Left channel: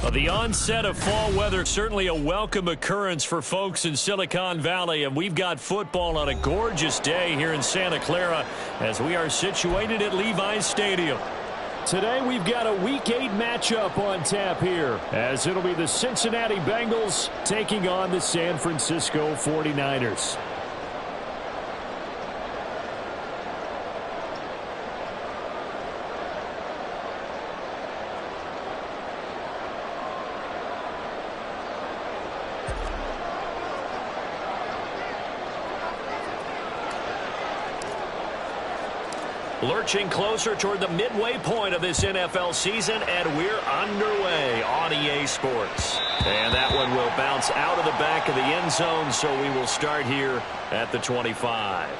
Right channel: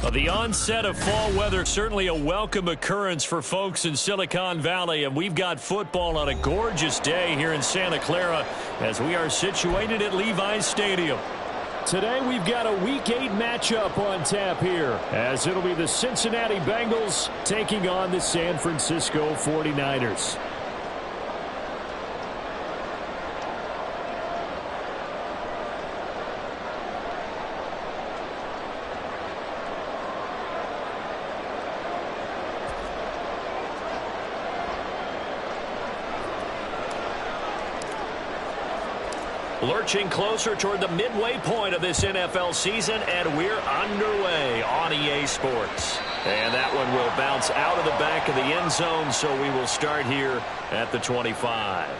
Well, the onset of fall weather, certainly a welcome occurrence for folks in Silicon Valley, and we've got football on a gorgeous day here in Santa Clara as we are situated at Levi's Stadium. Today we've got a Week 8 matchup on tap here, as it'll be the Cincinnati Bengals taking on the San Francisco 49ers. Lurching closer toward the midway point of this NFL season, and we're underway on EA Sports. And that one will bounce out of the back of the end zone, so we will start here at the 25.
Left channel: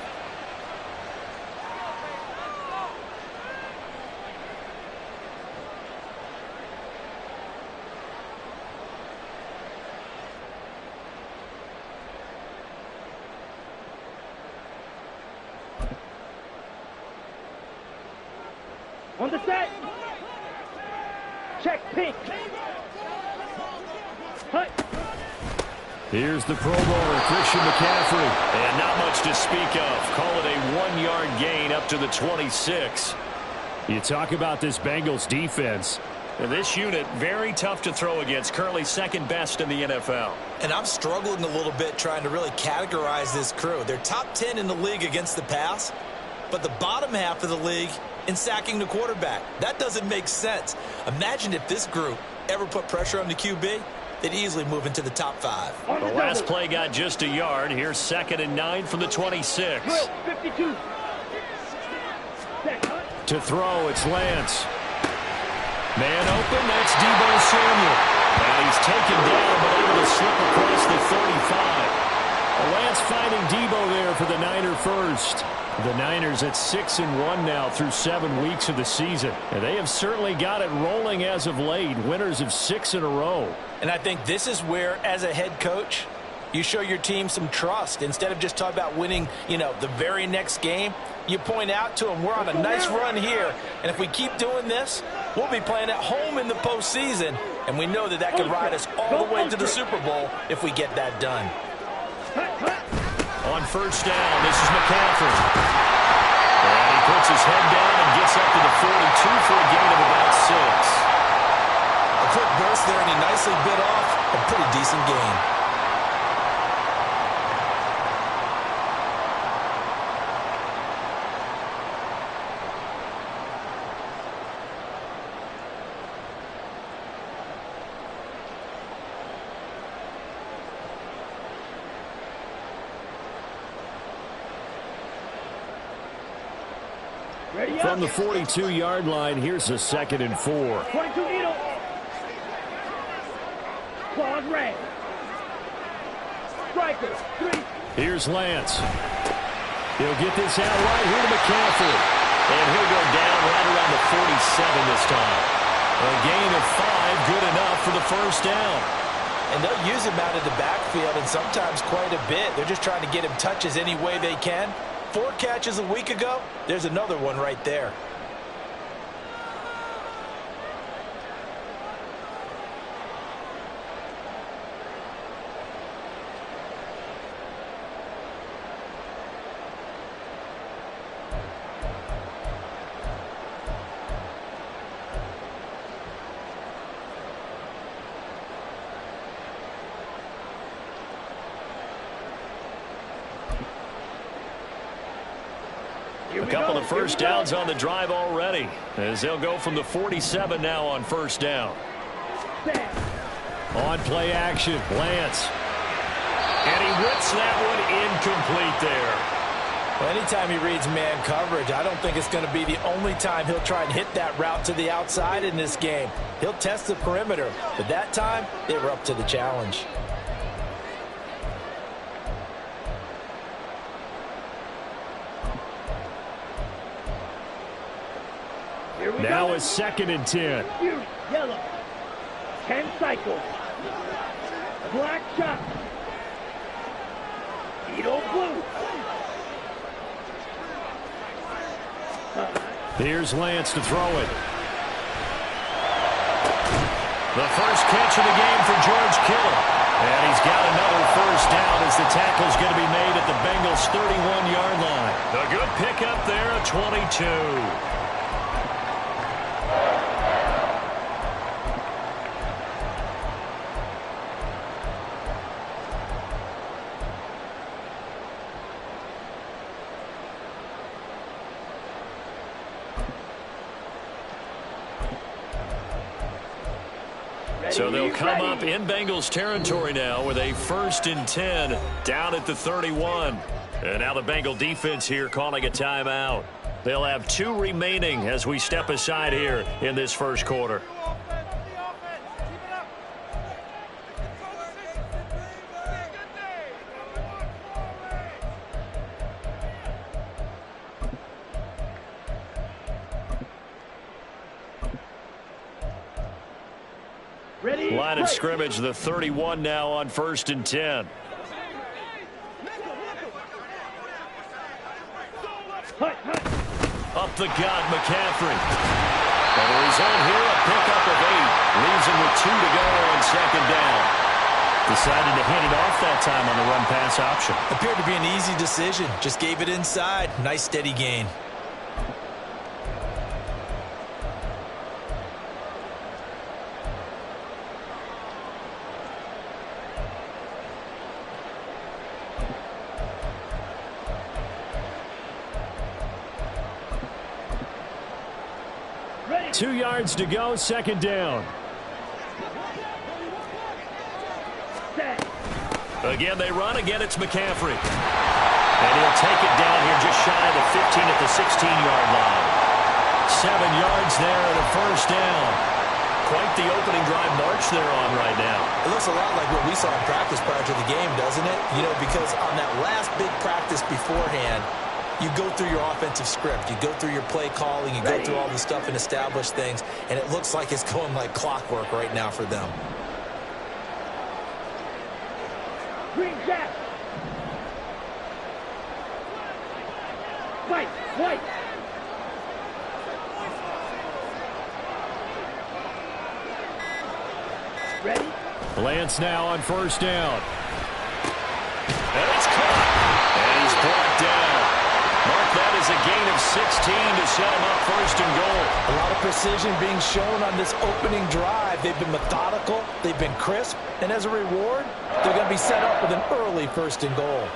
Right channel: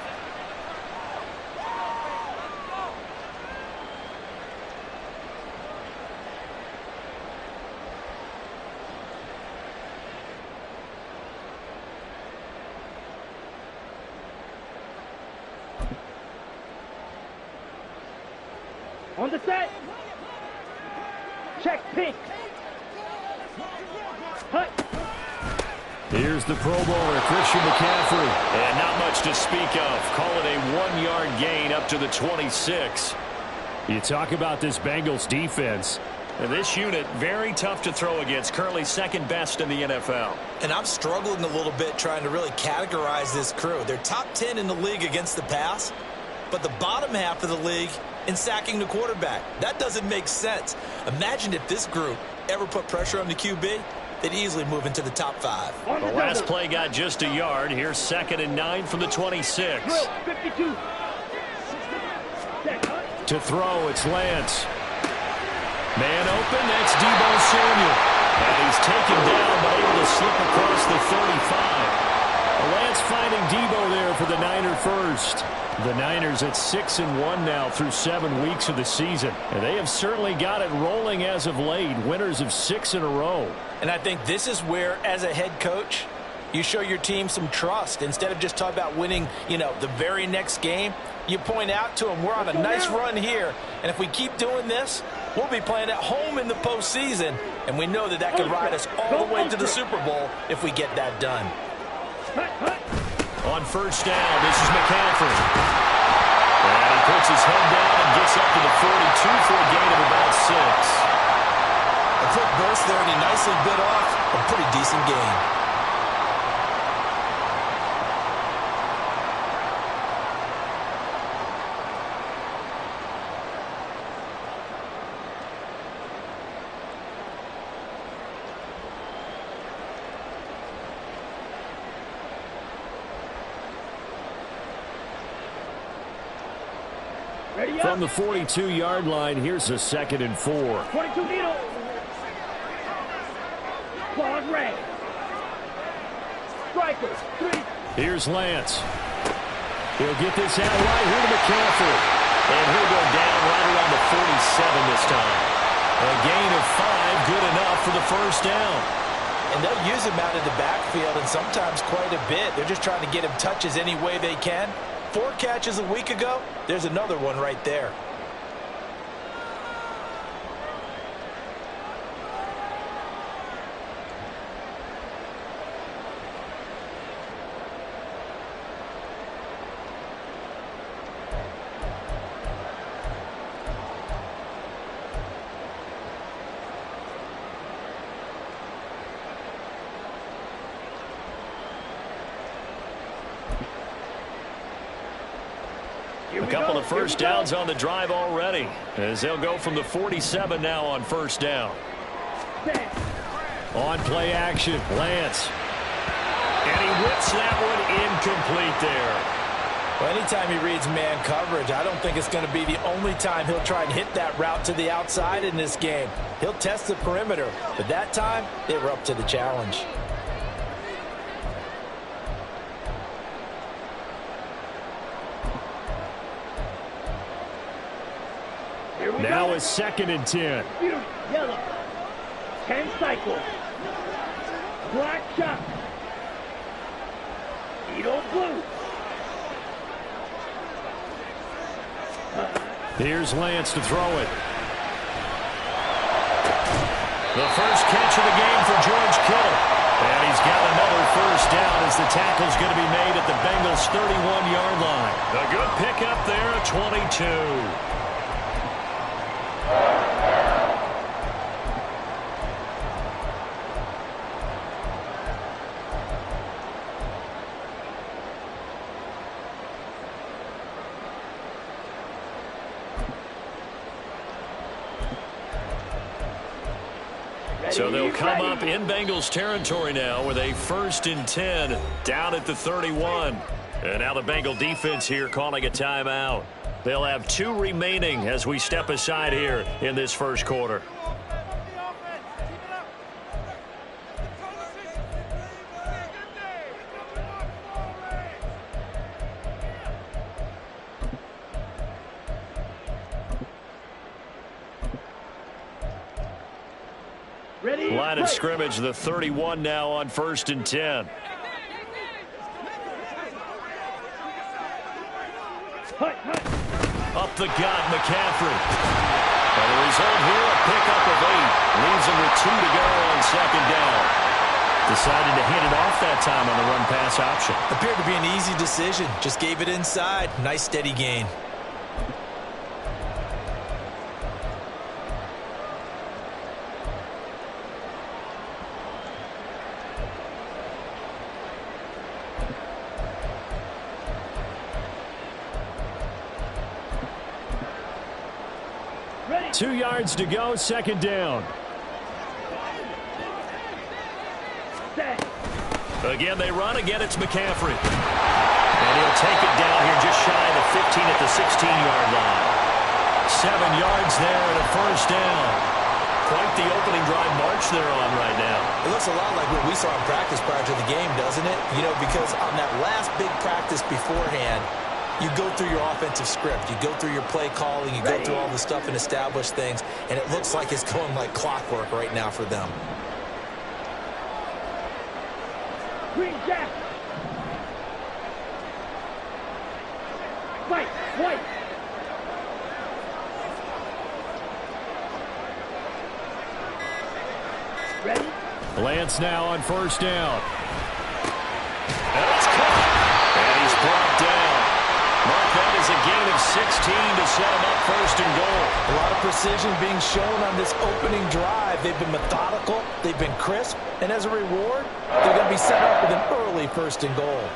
On the set. Check pink. Hut. Here's the Pro Bowler, Christian McCaffrey. And not much to speak of. Call it a 1-yard gain up to the 26. You talk about this Bengals defense. And this unit, very tough to throw against. Currently second best in the NFL. And I'm struggling a little bit trying to really categorize this crew. They're top 10 in the league against the pass, but the bottom half of the league in sacking the quarterback. That doesn't make sense. Imagine if this group ever put pressure on the QB, they'd easily move into the top 5. The last play got just a yard. Here's 2nd and 9 from the 26. 52. To throw, it's Lance. Man open, that's Deebo Samuel. And he's taken down, but able to slip across the 35. Lance finding Deebo there for the Niner first. The Niners at 6-1 now through 7 weeks of the season. And they have certainly got it rolling as of late. Winners of 6 in a row. And I think this is where, as a head coach, you show your team some trust. Instead of just talking about winning, the very next game, you point out to them, we're on a nice run here. And if we keep doing this, we'll be playing at home in the postseason. And we know that could ride us all the way to the Super Bowl if we get that done. On first down, this is McCaffrey. And he puts his head down and gets up to the 42 for a gain of about 6. A quick burst there, and he nicely bit off a pretty decent gain. From the 42-yard line, here's a 2nd and 4. 22 needle. Claws red. Striker, 3. Here's Lance. He'll get this out right here to McCaffrey. And he'll go down right around the 47 this time. A gain of 5, good enough for the first down. And they'll use him out of the backfield, and sometimes quite a bit. They're just trying to get him touches any way they can. 4 catches a week ago, there's another one right there. A couple of first downs on the drive already, as they'll go from the 47 now on first down. On play action, Lance. And he whips that one incomplete there. Well, anytime he reads man coverage, I don't think it's going to be the only time he'll try and hit that route to the outside in this game. He'll test the perimeter, but that time they were up to the challenge. Now it's 2nd and 10. Yellow. 10 cycles. Black shot. Edo blue. Here's Lance to throw it. The first catch of the game for George Kittle. And he's got another first down as the tackle's going to be made at the Bengals' 31-yard line. A good pickup there, a 22. So they'll come up in Bengals territory now with a 1st and 10 down at the 31. And now the Bengal defense here calling a timeout. They'll have 2 remaining as we step aside here in this first quarter. Line of scrimmage, the 31 now on 1st and 10. Up the gut, McCaffrey. And the result here, a pickup of 8. Leaves him with 2 to go on 2nd down. Decided to hand it off that time on the run-pass option. Appeared to be an easy decision. Just gave it inside. Nice steady gain. Ready. 2 yards to go, 2nd down. Set. Again, they run. Again, it's McCaffrey. And he'll take it down here just shy of the 15 at the 16-yard line. 7 yards there and a first down. Quite the opening drive march they're on right now. It looks a lot like what we saw in practice prior to the game, doesn't it? You know, because on that last big practice beforehand, you go through your offensive script. You go through your play calling. You go through all the stuff and establish things. And it looks like it's going like clockwork right now for them. Green Jack. White. White. Ready. Lance now on 1st down. And it's caught. And he's brought down. Mark that as a gain of 16 to set him up 1st and goal. A lot of precision being shown on this opening drive. They've been methodical. They've been crisp. And as a reward, they're going to be set up with an early 1st and goal.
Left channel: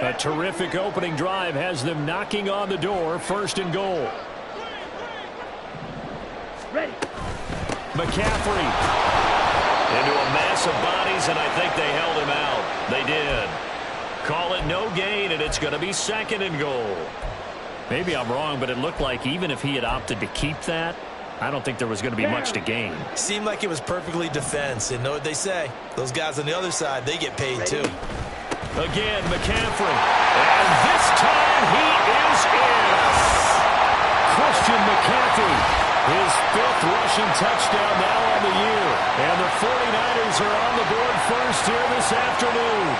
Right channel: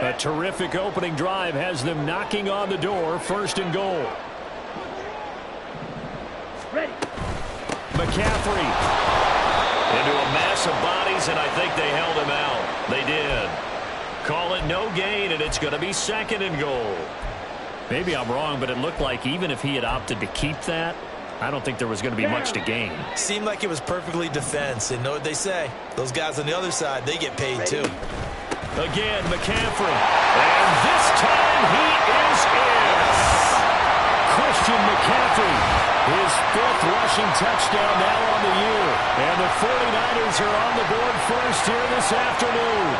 A terrific opening drive has them knocking on the door, 1st and goal. Ready. McCaffrey into a mass of bodies, and I think they held him out. They did. Call it no gain, and it's going to be 2nd and goal. Maybe I'm wrong, but it looked like even if he had opted to keep that, I don't think there was going to be much to gain. Seemed like it was perfectly defense. And know what they say? Those guys on the other side, they get paid too. Again, McCaffrey. And this time he is in. Yes. Christian McCaffrey, his 5th rushing touchdown now on the year. And the 49ers are on the board first here this afternoon.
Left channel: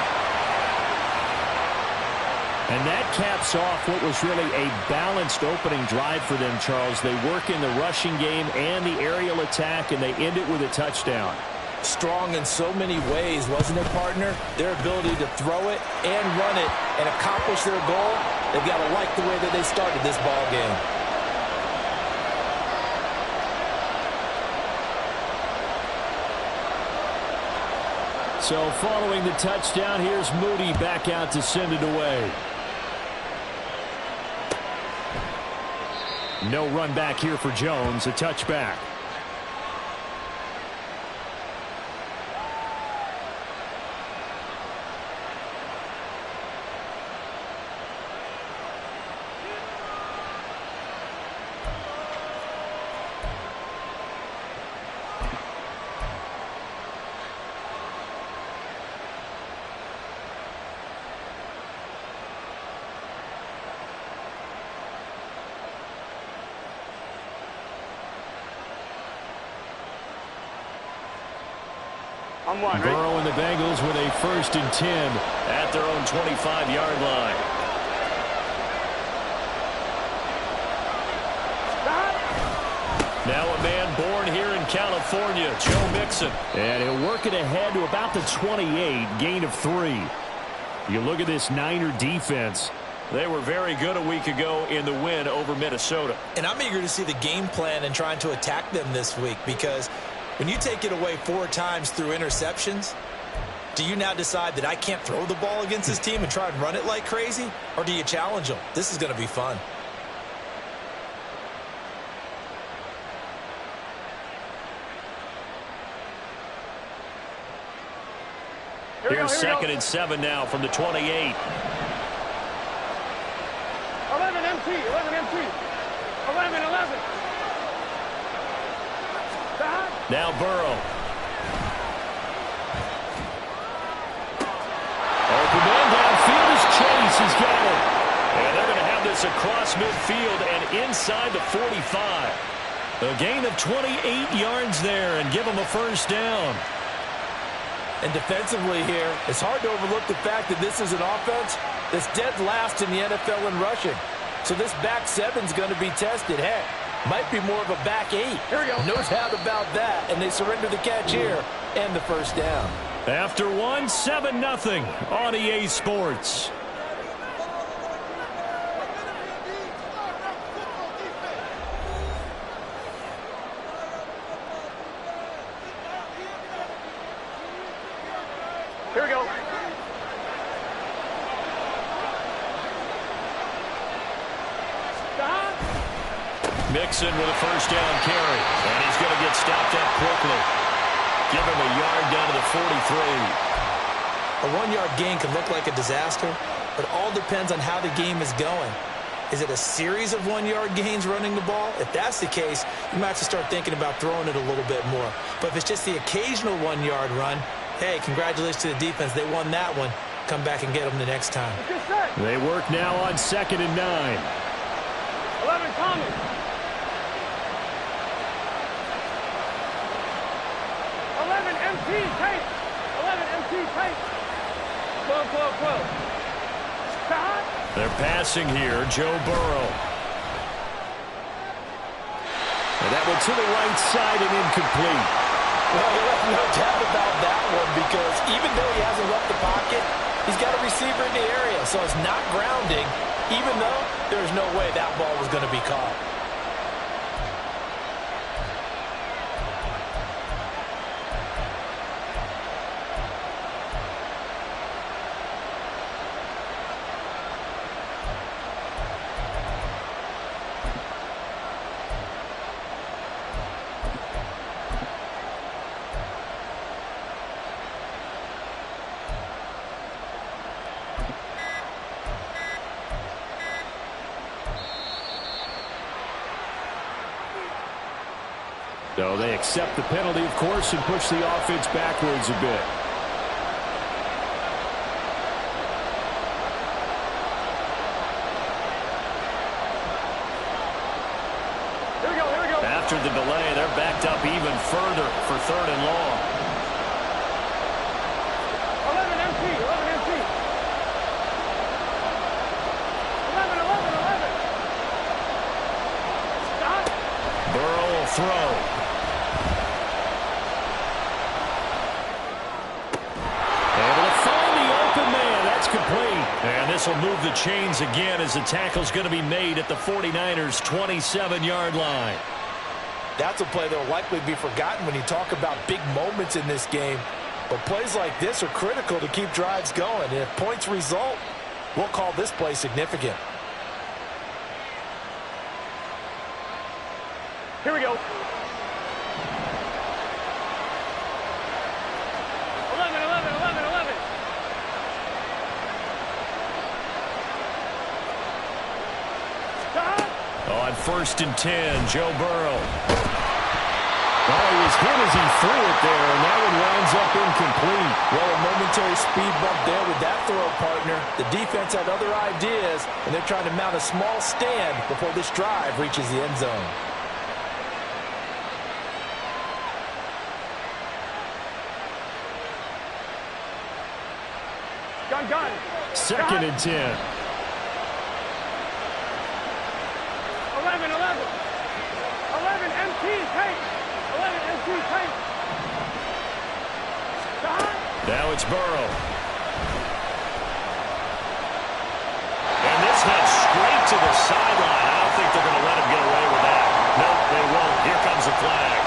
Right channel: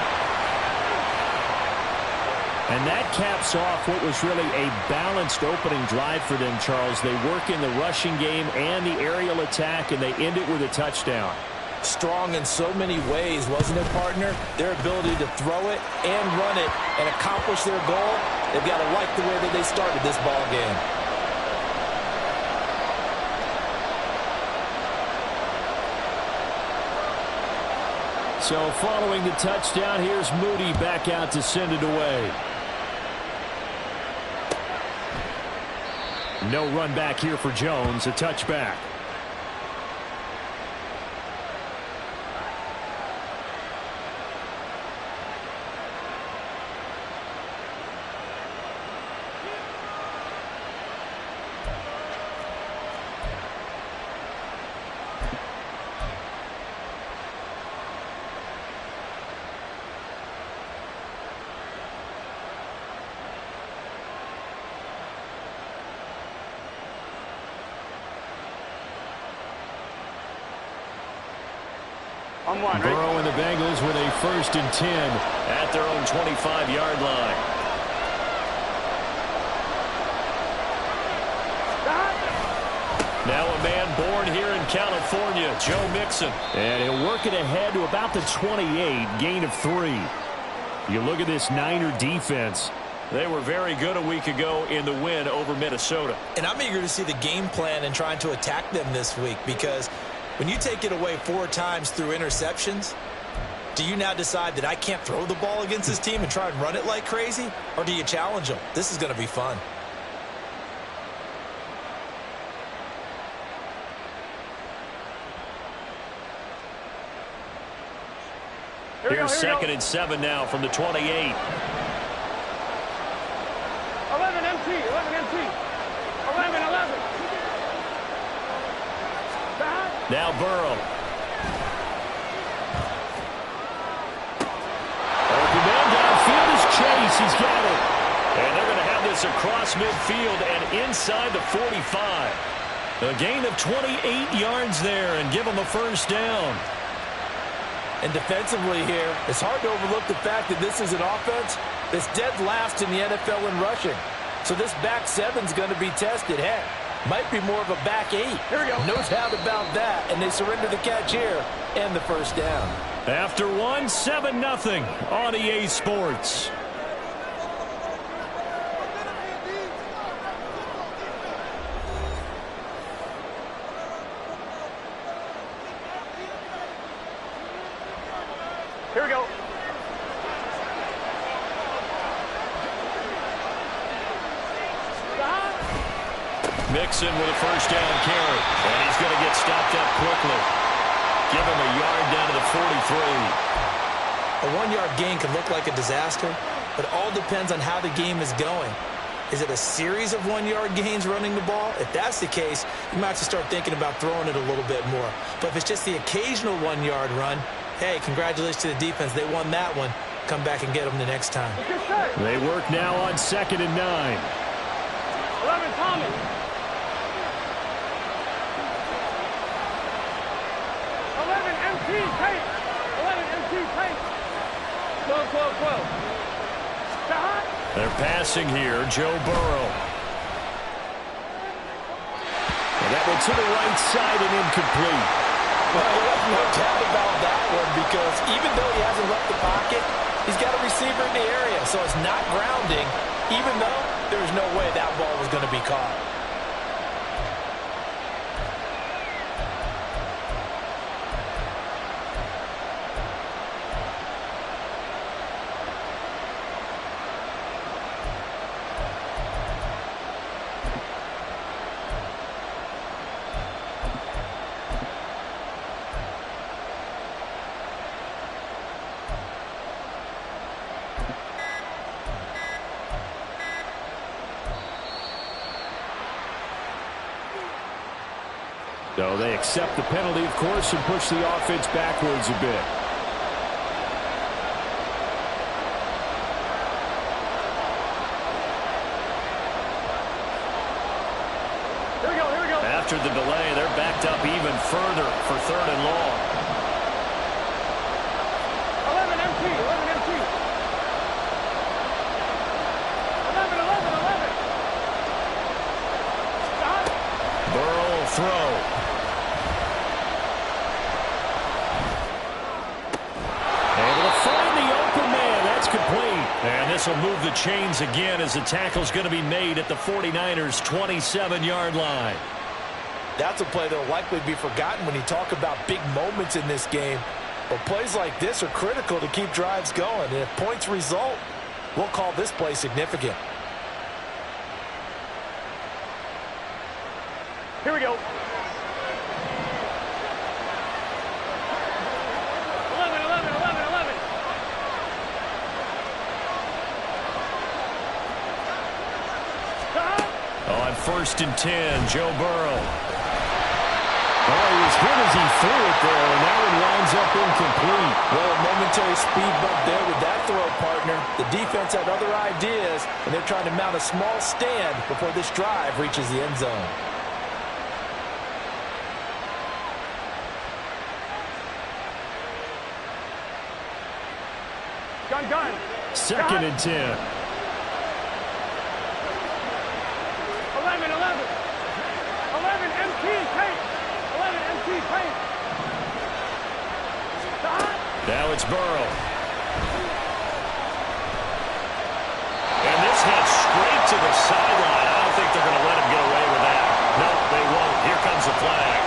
And that caps off what was really a balanced opening drive for them, Charles. They work in the rushing game and the aerial attack, and they end it with a touchdown. Strong in so many ways, wasn't it, partner? Their ability to throw it and run it and accomplish their goal, they've got to like the way that they started this ball game. So following the touchdown, here's Moody back out to send it away. No run back here for Jones, a touchback. On one, right? Burrow and the Bengals with a 1st and 10 at their own 25-yard line. Now a man born here in California, Joe Mixon. And he'll work it ahead to about the 28, gain of 3. You look at this Niner defense. They were very good a week ago in the win over Minnesota. And I'm eager to see the game plan and trying to attack them this week, because when you take it away 4 times through interceptions, do you now decide that I can't throw the ball against this team and try and run it like crazy? Or do you challenge them? This is going to be fun. Here's 2nd and 7 now from the 28. 11 MT, 11 MT. 11. Now Burrow. Open man downfield is Chase. He's got it. And they're going to have this across midfield and inside the 45. A gain of 28 yards there and give them a 1st down. And defensively here, it's hard to overlook the fact that this is an offense that's dead last in the NFL in rushing. So this back 7's going to be tested. Heck, might be more of a back 8. Here we go. No doubt about that. And they surrender the catch here and the 1st down. After 1, 7-0 on EA Sports. Here we go. Mixon with a 1st down carry. And he's going to get stopped up quickly. Give him a yard down to the 43. A 1-yard gain can look like a disaster, but it all depends on how the game is going. Is it a series of 1-yard gains running the ball? If that's the case, you might have to start thinking about throwing it a little bit more. But if it's just the occasional 1-yard run, hey, congratulations to the defense. They won that one. Come back and get them the next time. They work now on 2nd and 9. 11 Thomas. 11 MT tape. 11 MT tape. 12. Stop. They're passing here, Joe Burrow. And that one to the right side and incomplete. Well, you have no doubt about that one, because even though he hasn't left the pocket, he's got a receiver in the area, so it's not grounding, even though there's no way that ball was going to be caught. So they accept the penalty, of course, and push the offense backwards a bit. Here we go. After the delay, they're backed up even further for 3rd and long. 11 MT. 11. Stop. Burrow will throw. Able to find the open man. That's complete. And this will move the chains again as the tackle's going to be made at the 49ers' 27-yard line. That's a play that will likely be forgotten when you talk about big moments in this game. But plays like this are critical to keep drives going. And if points result, we'll call this play significant. Here we go. 11. Stop. On 1st and 10, Joe Burrow. Oh, he was hit as he threw it there, and that one winds up incomplete. Well, a momentary speed bump there with that throw, partner. The defense had other ideas, and they're trying to mount a small stand before this drive reaches the end zone. Gun. 2nd and 10. 11. 11 MT tight. 11 MT tight. Now it's Burrow. And this heads straight to the sideline. I don't think they're going to let him get away with that. No, they won't. Here comes the flag.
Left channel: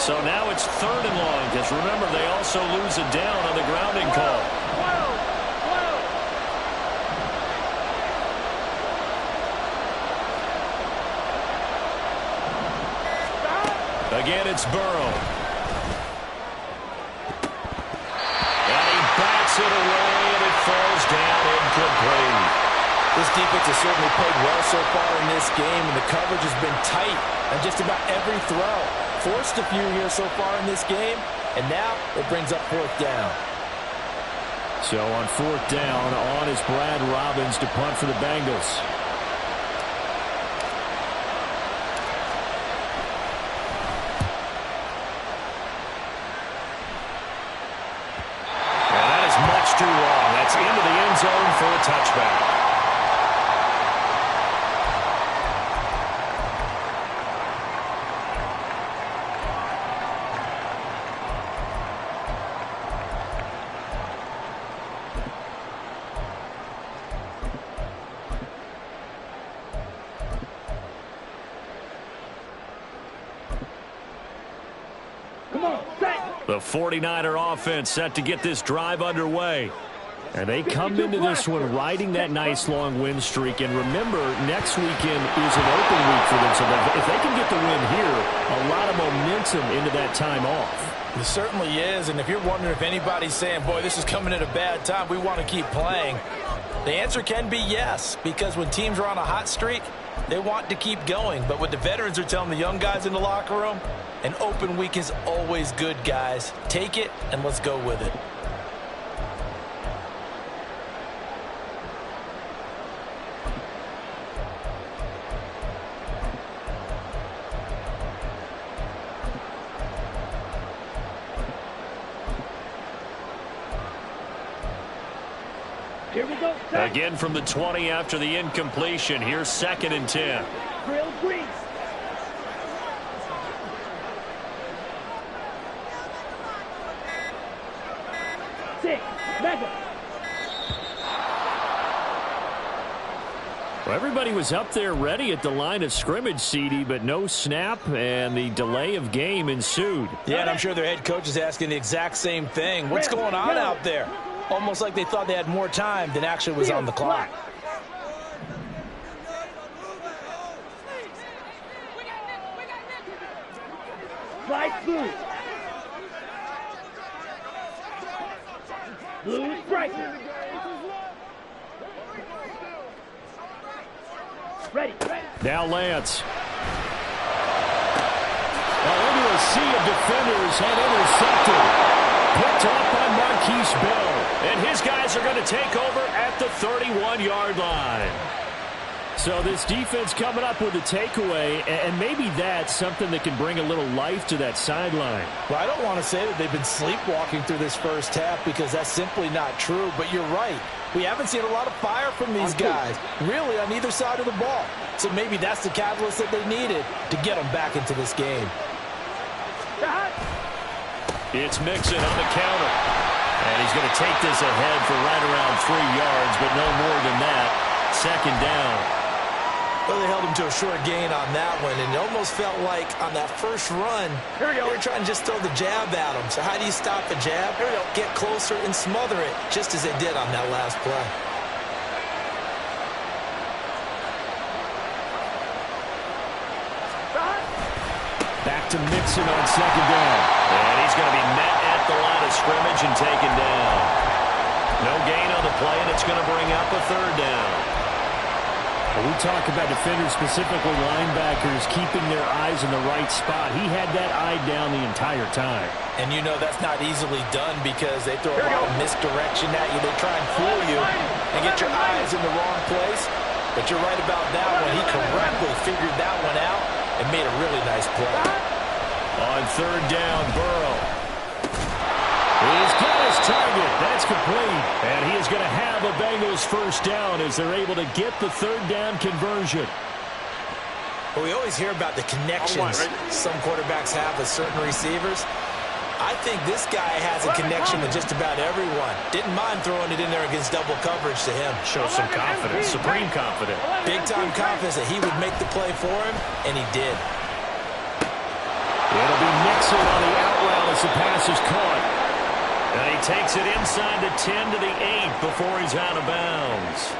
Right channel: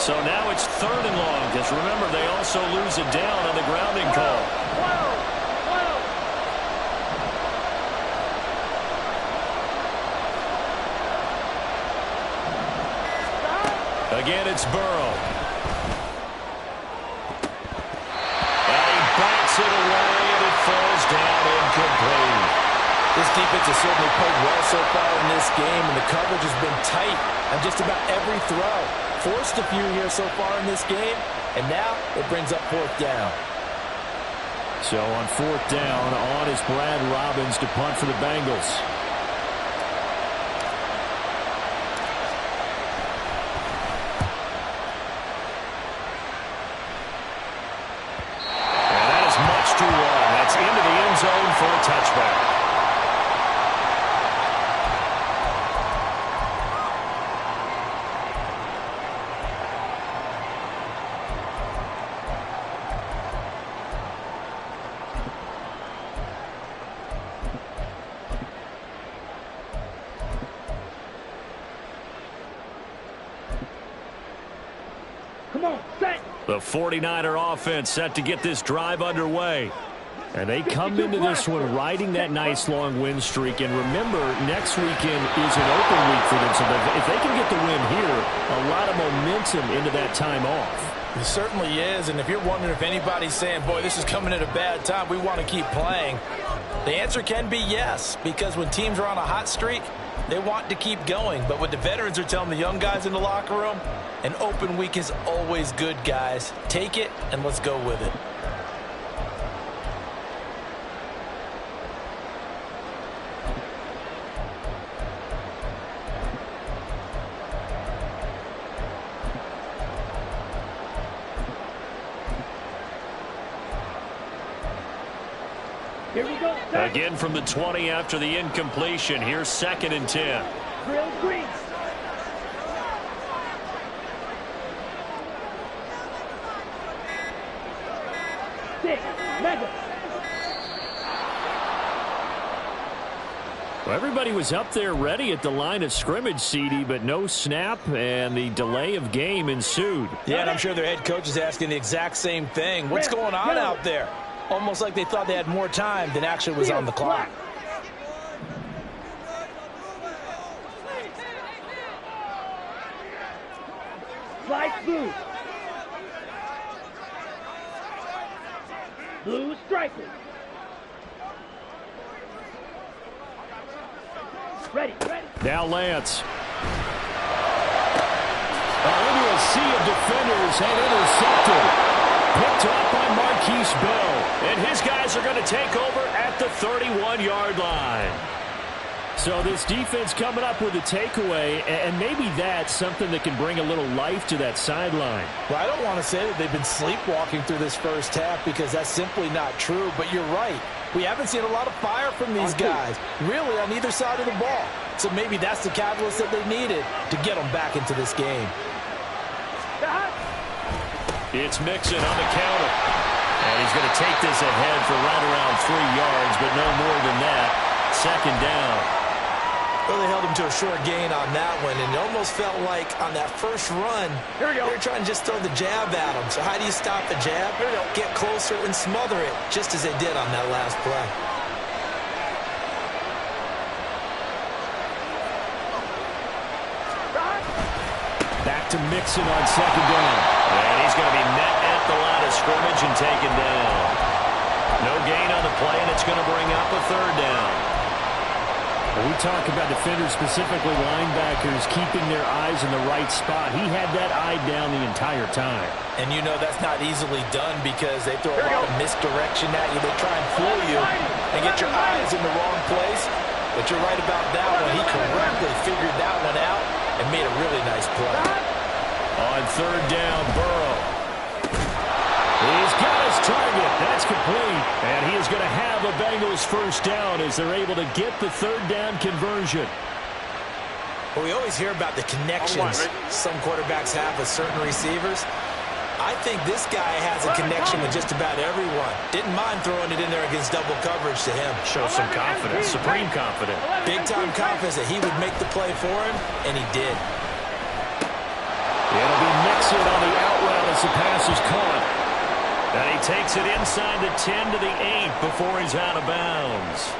So now it's 3rd and long, because remember, they also lose it down on the grounding call. Again, it's Burrow. And he bats it away, and it falls down incomplete. This defense has certainly played well so far in this game, and the coverage has been tight on just about every throw. Forced a few here so far in this game, and now it brings up 4th down. So on 4th down, on is Brad Robbins to punt for the Bengals. And that is much too long. That's into the end zone for a touchback. The 49er offense set to get this drive underway. And they come into this one riding that nice long win streak. And remember, next weekend is an open week for them. So if they can get the win here, a lot of momentum into that time off. It certainly is. And if you're wondering if anybody's saying, boy, this is coming at a bad time, we want to keep playing, the answer can be yes. Because when teams are on a hot streak, they want to keep going. But what the veterans are telling the young guys in the locker room, an open week is always good, guys. Take it, and let's go with it. Here we go. Again from the 20 after the incompletion. Here's 2nd and 10. Grilled grease. Mega. Well, everybody was up there ready at the line of scrimmage, CD, but no snap, and the delay of game ensued. Yeah, and I'm sure their head coach is asking the exact same thing. What's going on out there? Almost like they thought they had more time than actually was on the clock. Slide blue. Blue striker. Ready. Now Lance. Into a sea of defenders and intercepted. Picked off by Marquise Bell. And his guys are going to take over at the 31-yard line. So this defense coming up with a takeaway, and maybe that's something that can bring a little life to that sideline. Well, I don't want to say that they've been sleepwalking through this first half because that's simply not true, but you're right. We haven't seen a lot of fire from these guys, really, on either side of the ball. So maybe that's the catalyst that they needed to get them back into this game. It's Mixon on the counter. And he's going to take this ahead for right around 3 yards, but no more than that. 2nd down. Well, they held him to a short gain on that one, and it almost felt like on that first run, they were trying to just throw the jab at him. So how do you stop the jab? Get closer and smother it, just as they did on that last play. Back to Mixon on 2nd down. And he's going to be met at the line of scrimmage and taken down. No gain on the play, and it's going to bring up a 3rd down. When we talk about defenders, specifically linebackers, keeping their eyes in the right spot, he had that eye down the entire time. And you know that's not easily done because they throw a lot of misdirection at you. They try and fool you and get your eyes in the wrong place. But you're right about that one. He correctly figured that one out and made a really nice play. On third down, Burrow. He's got his target. That's complete. And he is going to have a Bengals first down as they're able to get the third down conversion. Well, we always hear about the connections some quarterbacks have with certain receivers. I think this guy has a connection with just about everyone. Didn't mind throwing it in there against double coverage to him. Shows some confidence, supreme confidence. Big-time confidence that he would make the play for him, and he did. It'll be Mixon on the out route as the pass is caught. And he takes it inside the 10 to the 8 before he's out of bounds.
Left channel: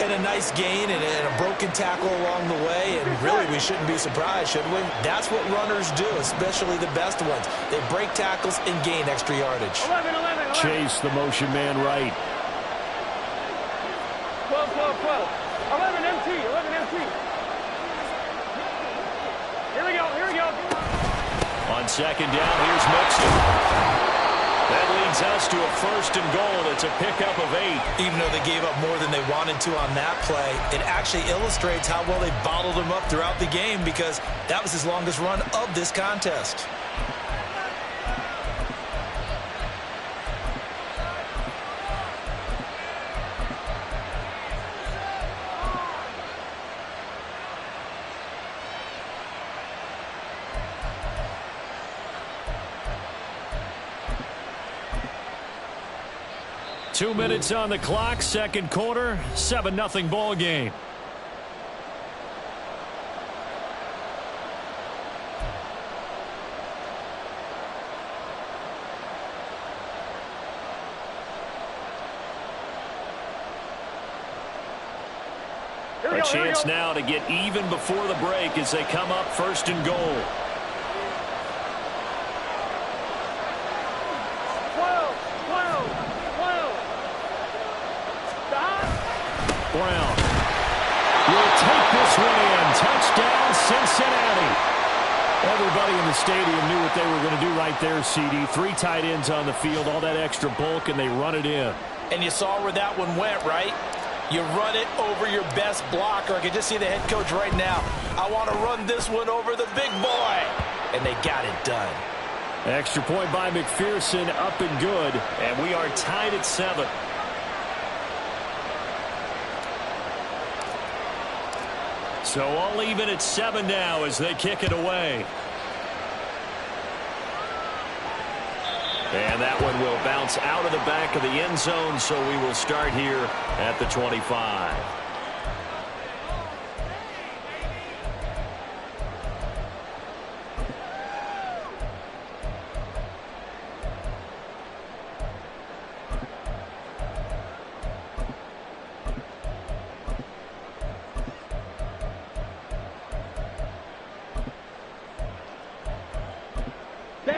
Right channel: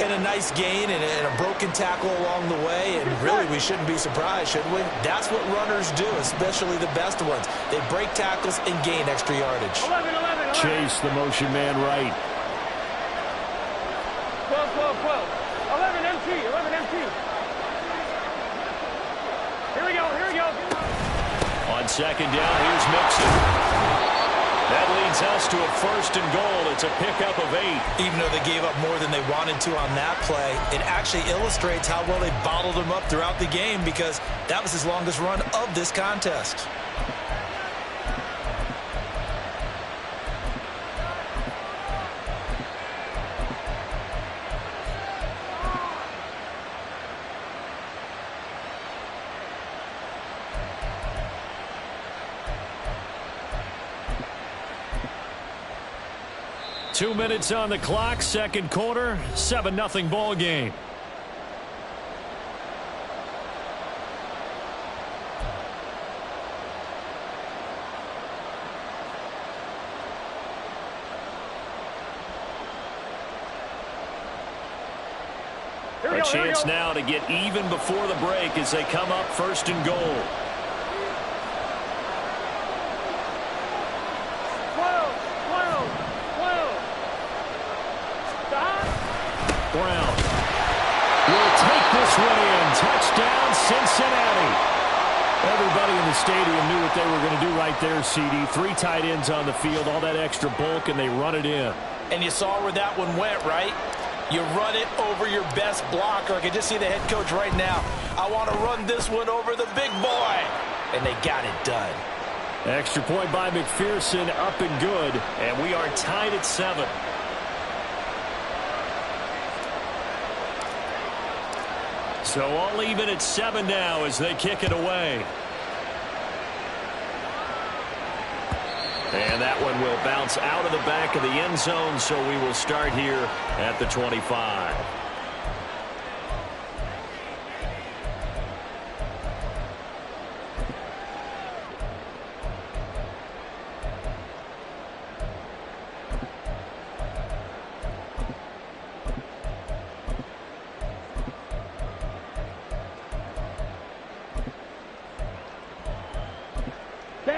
And a nice gain and a broken tackle along the way. And really, we shouldn't be surprised, should we? That's what runners do, especially the best ones. They break tackles and gain extra yardage. 11. Chase the motion man right. 12. 11 MT. Here we go. On second down, here's Mixon. That leads us to a first and goal. It's a pickup of 8. Even though they gave up more than they wanted to on that play, it actually illustrates how well they bottled them up throughout the game because that was his longest run of this contest. Two minutes on the clock, second quarter, 7-0 ball game. A chance now to get even before the break as they come up first and goal. 12. Brown will take this one in. Touchdown, Cincinnati. Everybody in the stadium knew what they were going to do right there, CD. 3 tight ends on the field, all that extra bulk, and they run it in. And you saw where that one went, right? You run it over your best blocker. I can just see the head coach right now. I want to run this one over the big boy. And they got it done. Extra point by McPherson, up and good. And we are tied at 7. So all even at 7 now as they kick it away. And that one will bounce out of the back of the end zone, so we will start here at the 25.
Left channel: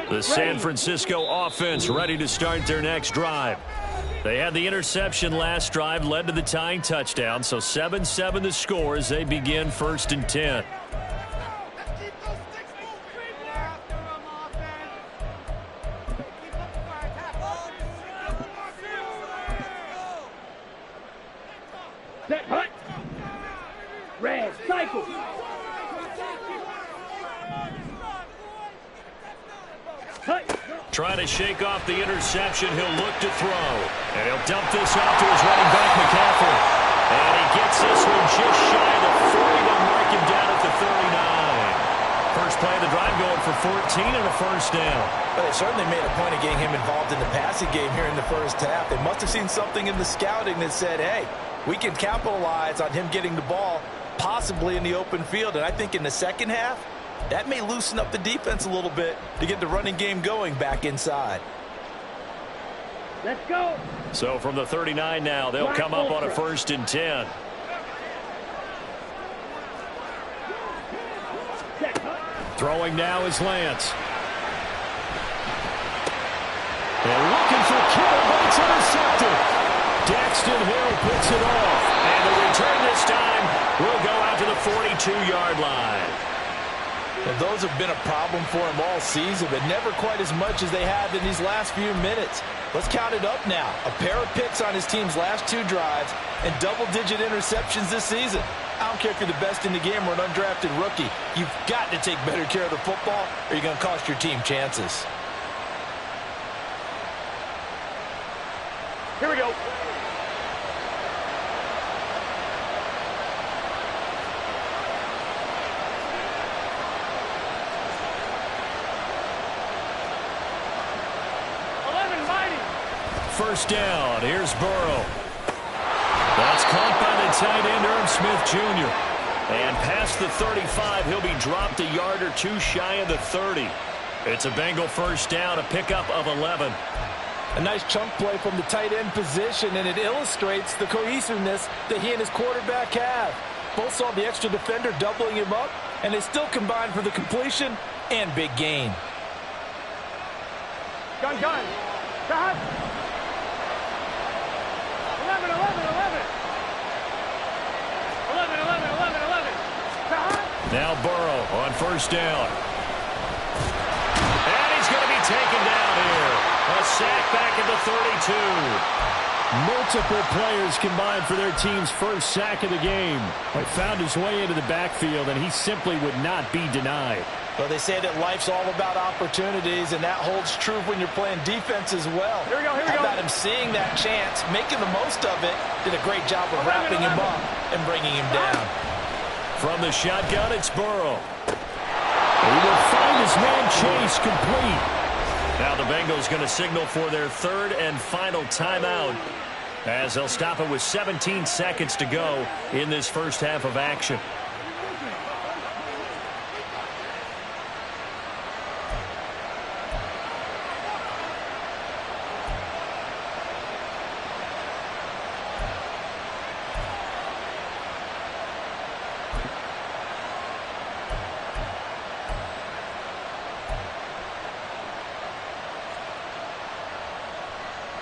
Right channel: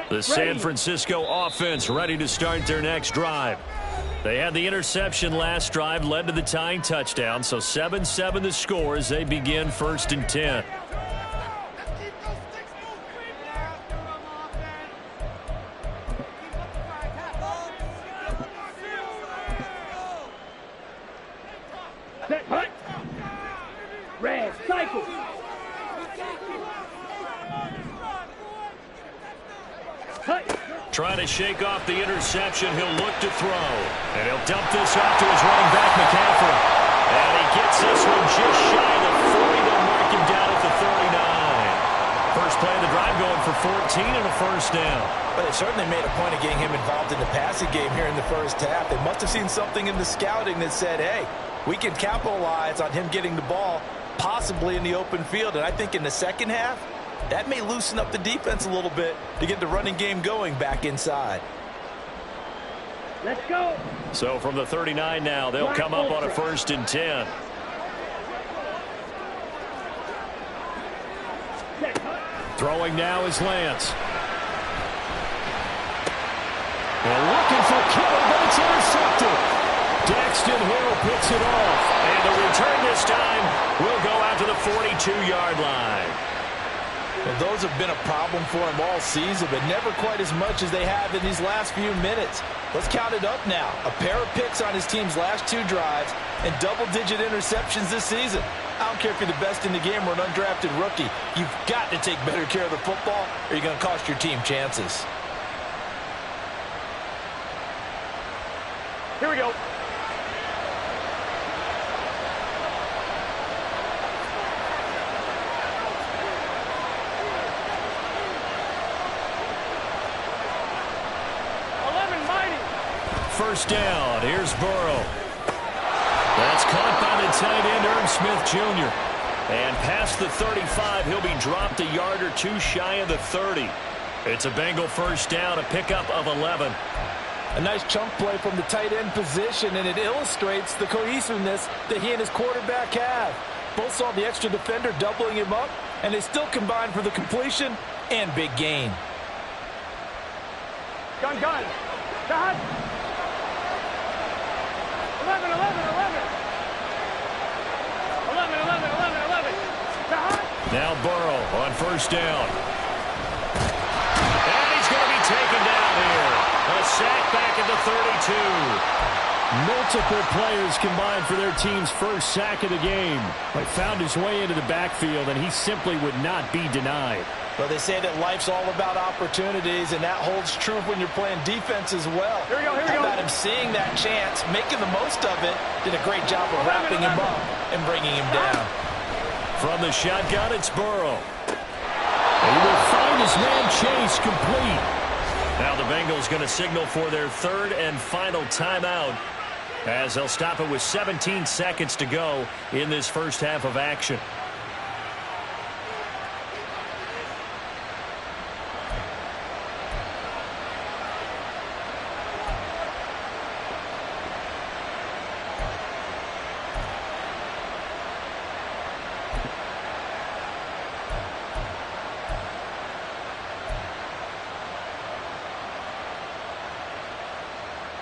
The San Francisco offense ready to start their next drive. They had the interception last drive, led to the tying touchdown, so 7-7 the score as they begin first and 10. Red, cycle. Trying to shake off the interception. He'll look to throw. And he'll dump this off to his running back, McCaffrey. And he gets this one just shy of the 40. They'll mark him down at the 39. First play of the drive going for 14 and a first down. But they certainly made a point of getting him involved in the passing game here in the first half. They must have seen something in the scouting that said, hey, we can capitalize on him getting the ball possibly in the open field. And I think in the second half, that may loosen up the defense a little bit to get the running game going back inside. Let's go. So from the 39 now, they'll come up on a first and 10. Throwing now is Lance. And looking for Kittle, but it's intercepted. Dak Braxton Hill picks it off. And the return this time will go out to the 42-yard line. Well, those have been a problem for him all season, but never quite as much as they have in these last few minutes. Let's count it up now. A pair of picks on his team's last 2 drives and double-digit interceptions this season. I don't care if you're the best in the game or an undrafted rookie. You've got to take better care of the football or you're going to cost your team chances. Here we go. First down. Here's Burrow. That's caught by the tight end, Irv Smith Jr. And past the 35, he'll be dropped a yard or 2 shy of the 30. It's a Bengal first down, a pickup of 11. A nice chunk play from the tight end position, and it illustrates the cohesiveness that he and his quarterback have. Both saw the extra defender doubling him up, and they still combined for the completion and big gain. Gun. Dot. 11. 11. Dot. Now Burrow on first down. And he's going to be taken down here. A sack back at the 32. Multiple players combined for their team's first sack of the game. He found his way into the backfield, and he simply would not be denied. Well, they say that life's all about opportunities, and that holds true when you're playing defense as well. Here we go. How about him seeing that chance, making the most of it, did a great job of wrapping him up and bringing him down. From the shotgun, it's Burrow. He will find his man Chase complete. Now the Bengals going to signal for their 3rd and final timeout as they'll stop it with 17 seconds to go in this first half of action.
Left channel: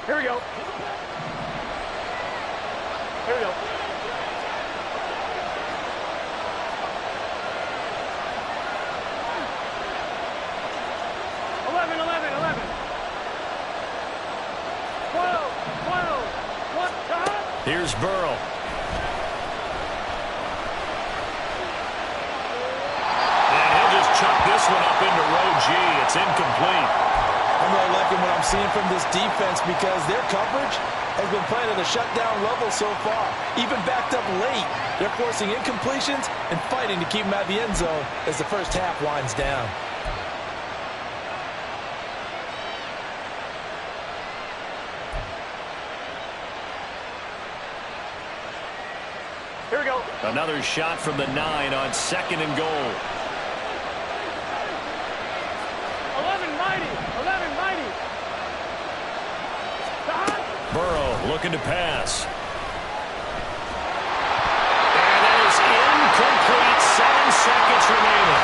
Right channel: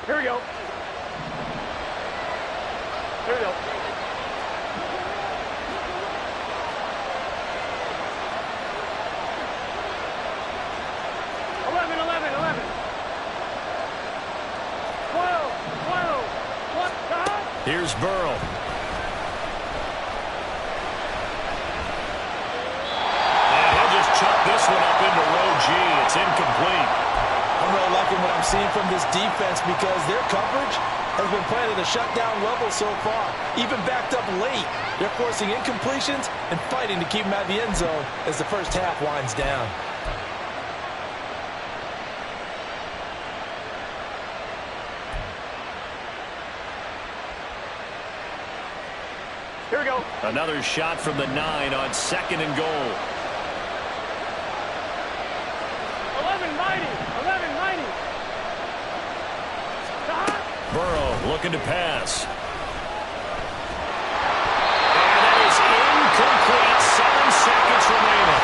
Here we go. 11. 12. What? Here's Burrow. And he'll just chuck this one up into row G. It's incomplete. I'm really liking what I'm seeing from this defense because their coverage has been playing at a shutdown level so far. Even backed up late, they're forcing incompletions and fighting to keep them out of the end zone as the first half winds down. Here we go. Another shot from the 9 on 2nd and goal. 11 mighty. Burrow looking to pass. And that is incomplete. 7 seconds remaining.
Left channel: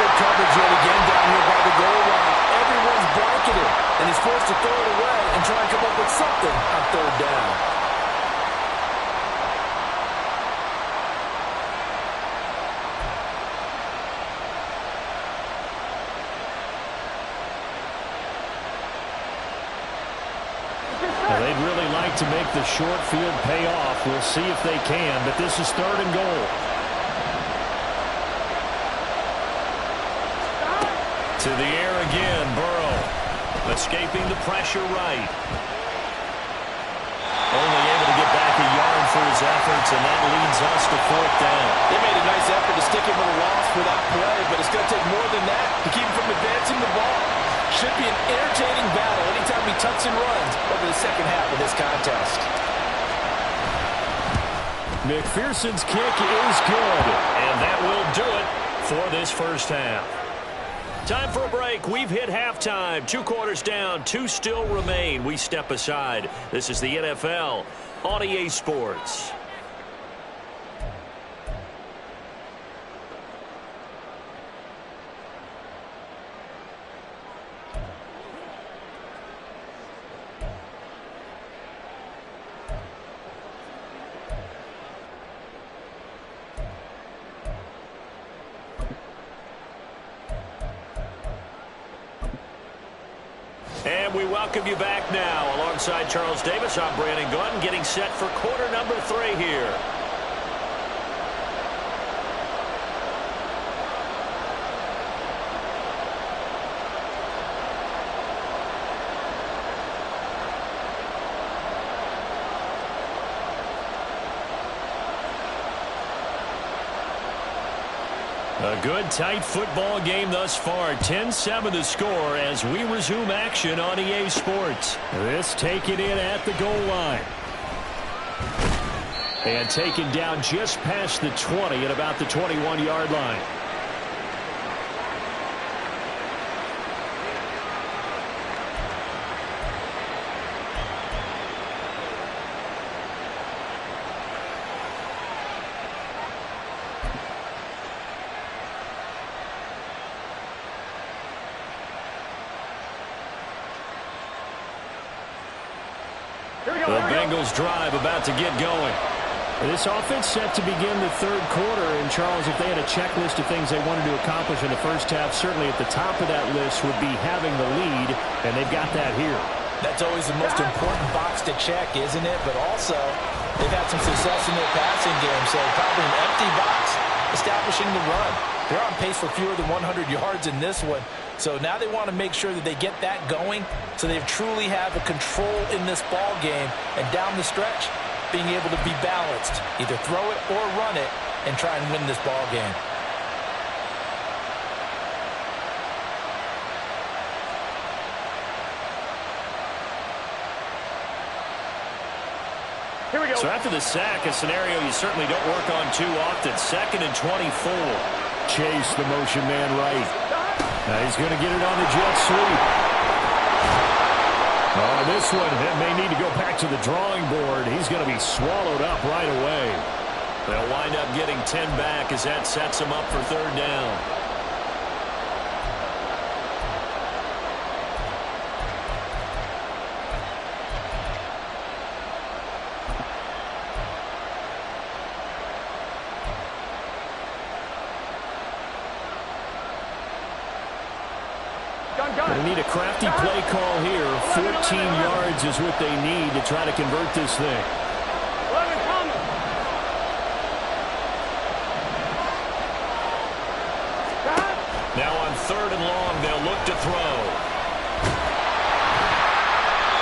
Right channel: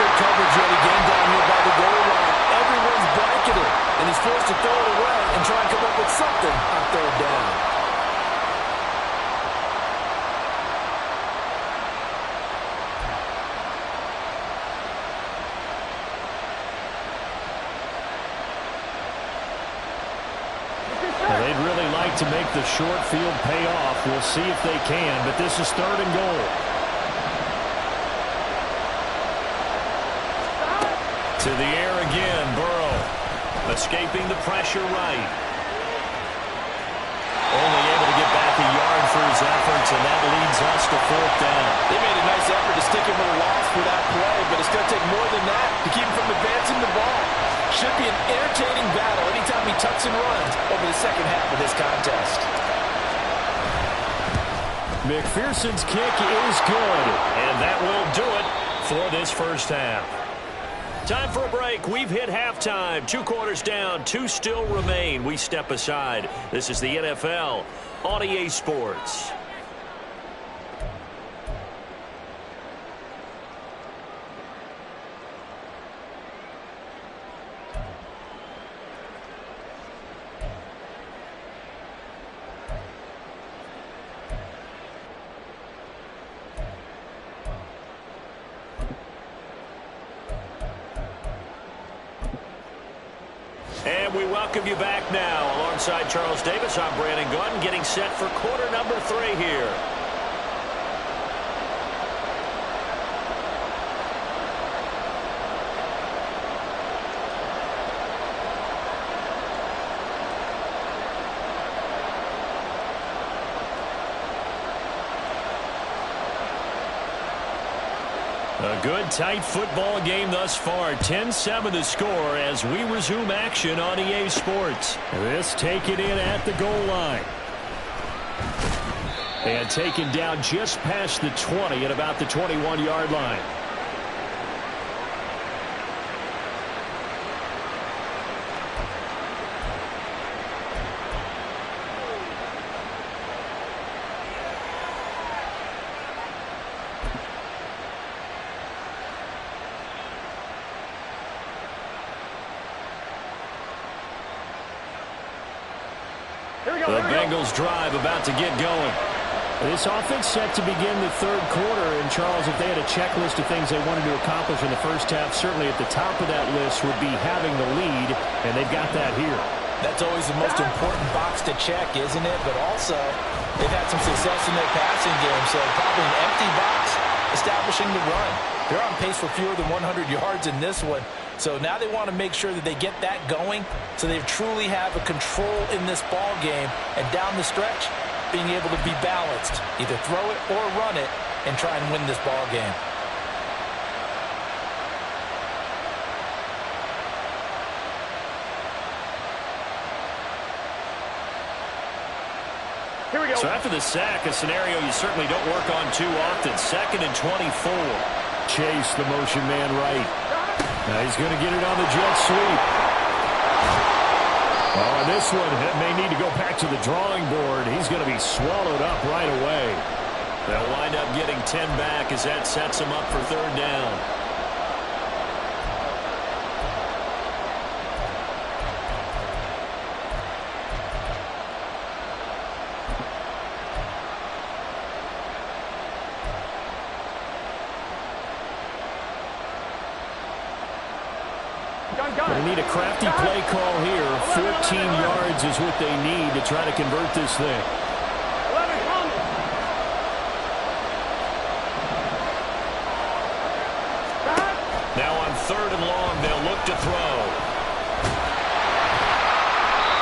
Good coverage yet again down here by the goal line. Everyone's blanketed, and he's forced to throw it away and try and come up with something on 3rd down. They'd really like to make the short field pay off. We'll see if they can, but this is 3rd and goal. To the air again, Burrow. Escaping the pressure right. Only able to get back a yard for his efforts, and that leads us to 4th down. They made a nice effort to stick him with a loss for that play, but it's going to take more than that to keep him from advancing the ball. Should be an entertaining battle anytime he tucks and runs over the second half of this contest. McPherson's kick is good, and that will do it for this first half. Time for a break. We've hit halftime. 2 quarters down, 2 still remain. We step aside. This is the NFL on EA Sports. And we welcome you back now. Alongside Charles Davis, I'm Brandon Gunn, getting set for quarter number 3 here. A good, tight football game thus far. 10-7 the score as we resume action on EA Sports. This taken in at the goal line. And taken down just past the 20 at about the 21-yard line. The Bengals drive about to get going. This offense set to begin the third quarter. And, Charles, if they had a checklist of things they wanted to accomplish in the first half, certainly at the top of that list would be having the lead, and they've got that here. That's always the most important box to check, isn't it? But also, they've had some success in their passing game, so probably an empty box establishing the run. They're on pace for fewer than 100 yards in this one. So now they want to make sure that they get that going so they truly have a control in this ball game. And down the stretch, being able to be balanced. Either throw it or run it and try and win this ball game. Here we go. So after the sack, a scenario you certainly don't work on too often. 2nd and 24. Chase the motion man right. Now he's going to get it on the jet sweep. Oh, and this one may need to go back to the drawing board. He's going to be swallowed up right away. They'll wind up getting 10 back as that sets him up for 3rd down. They need a crafty play call here. 14 yards is what they need to try to convert this thing. 11 coming. Now on 3rd and long, they'll look to throw.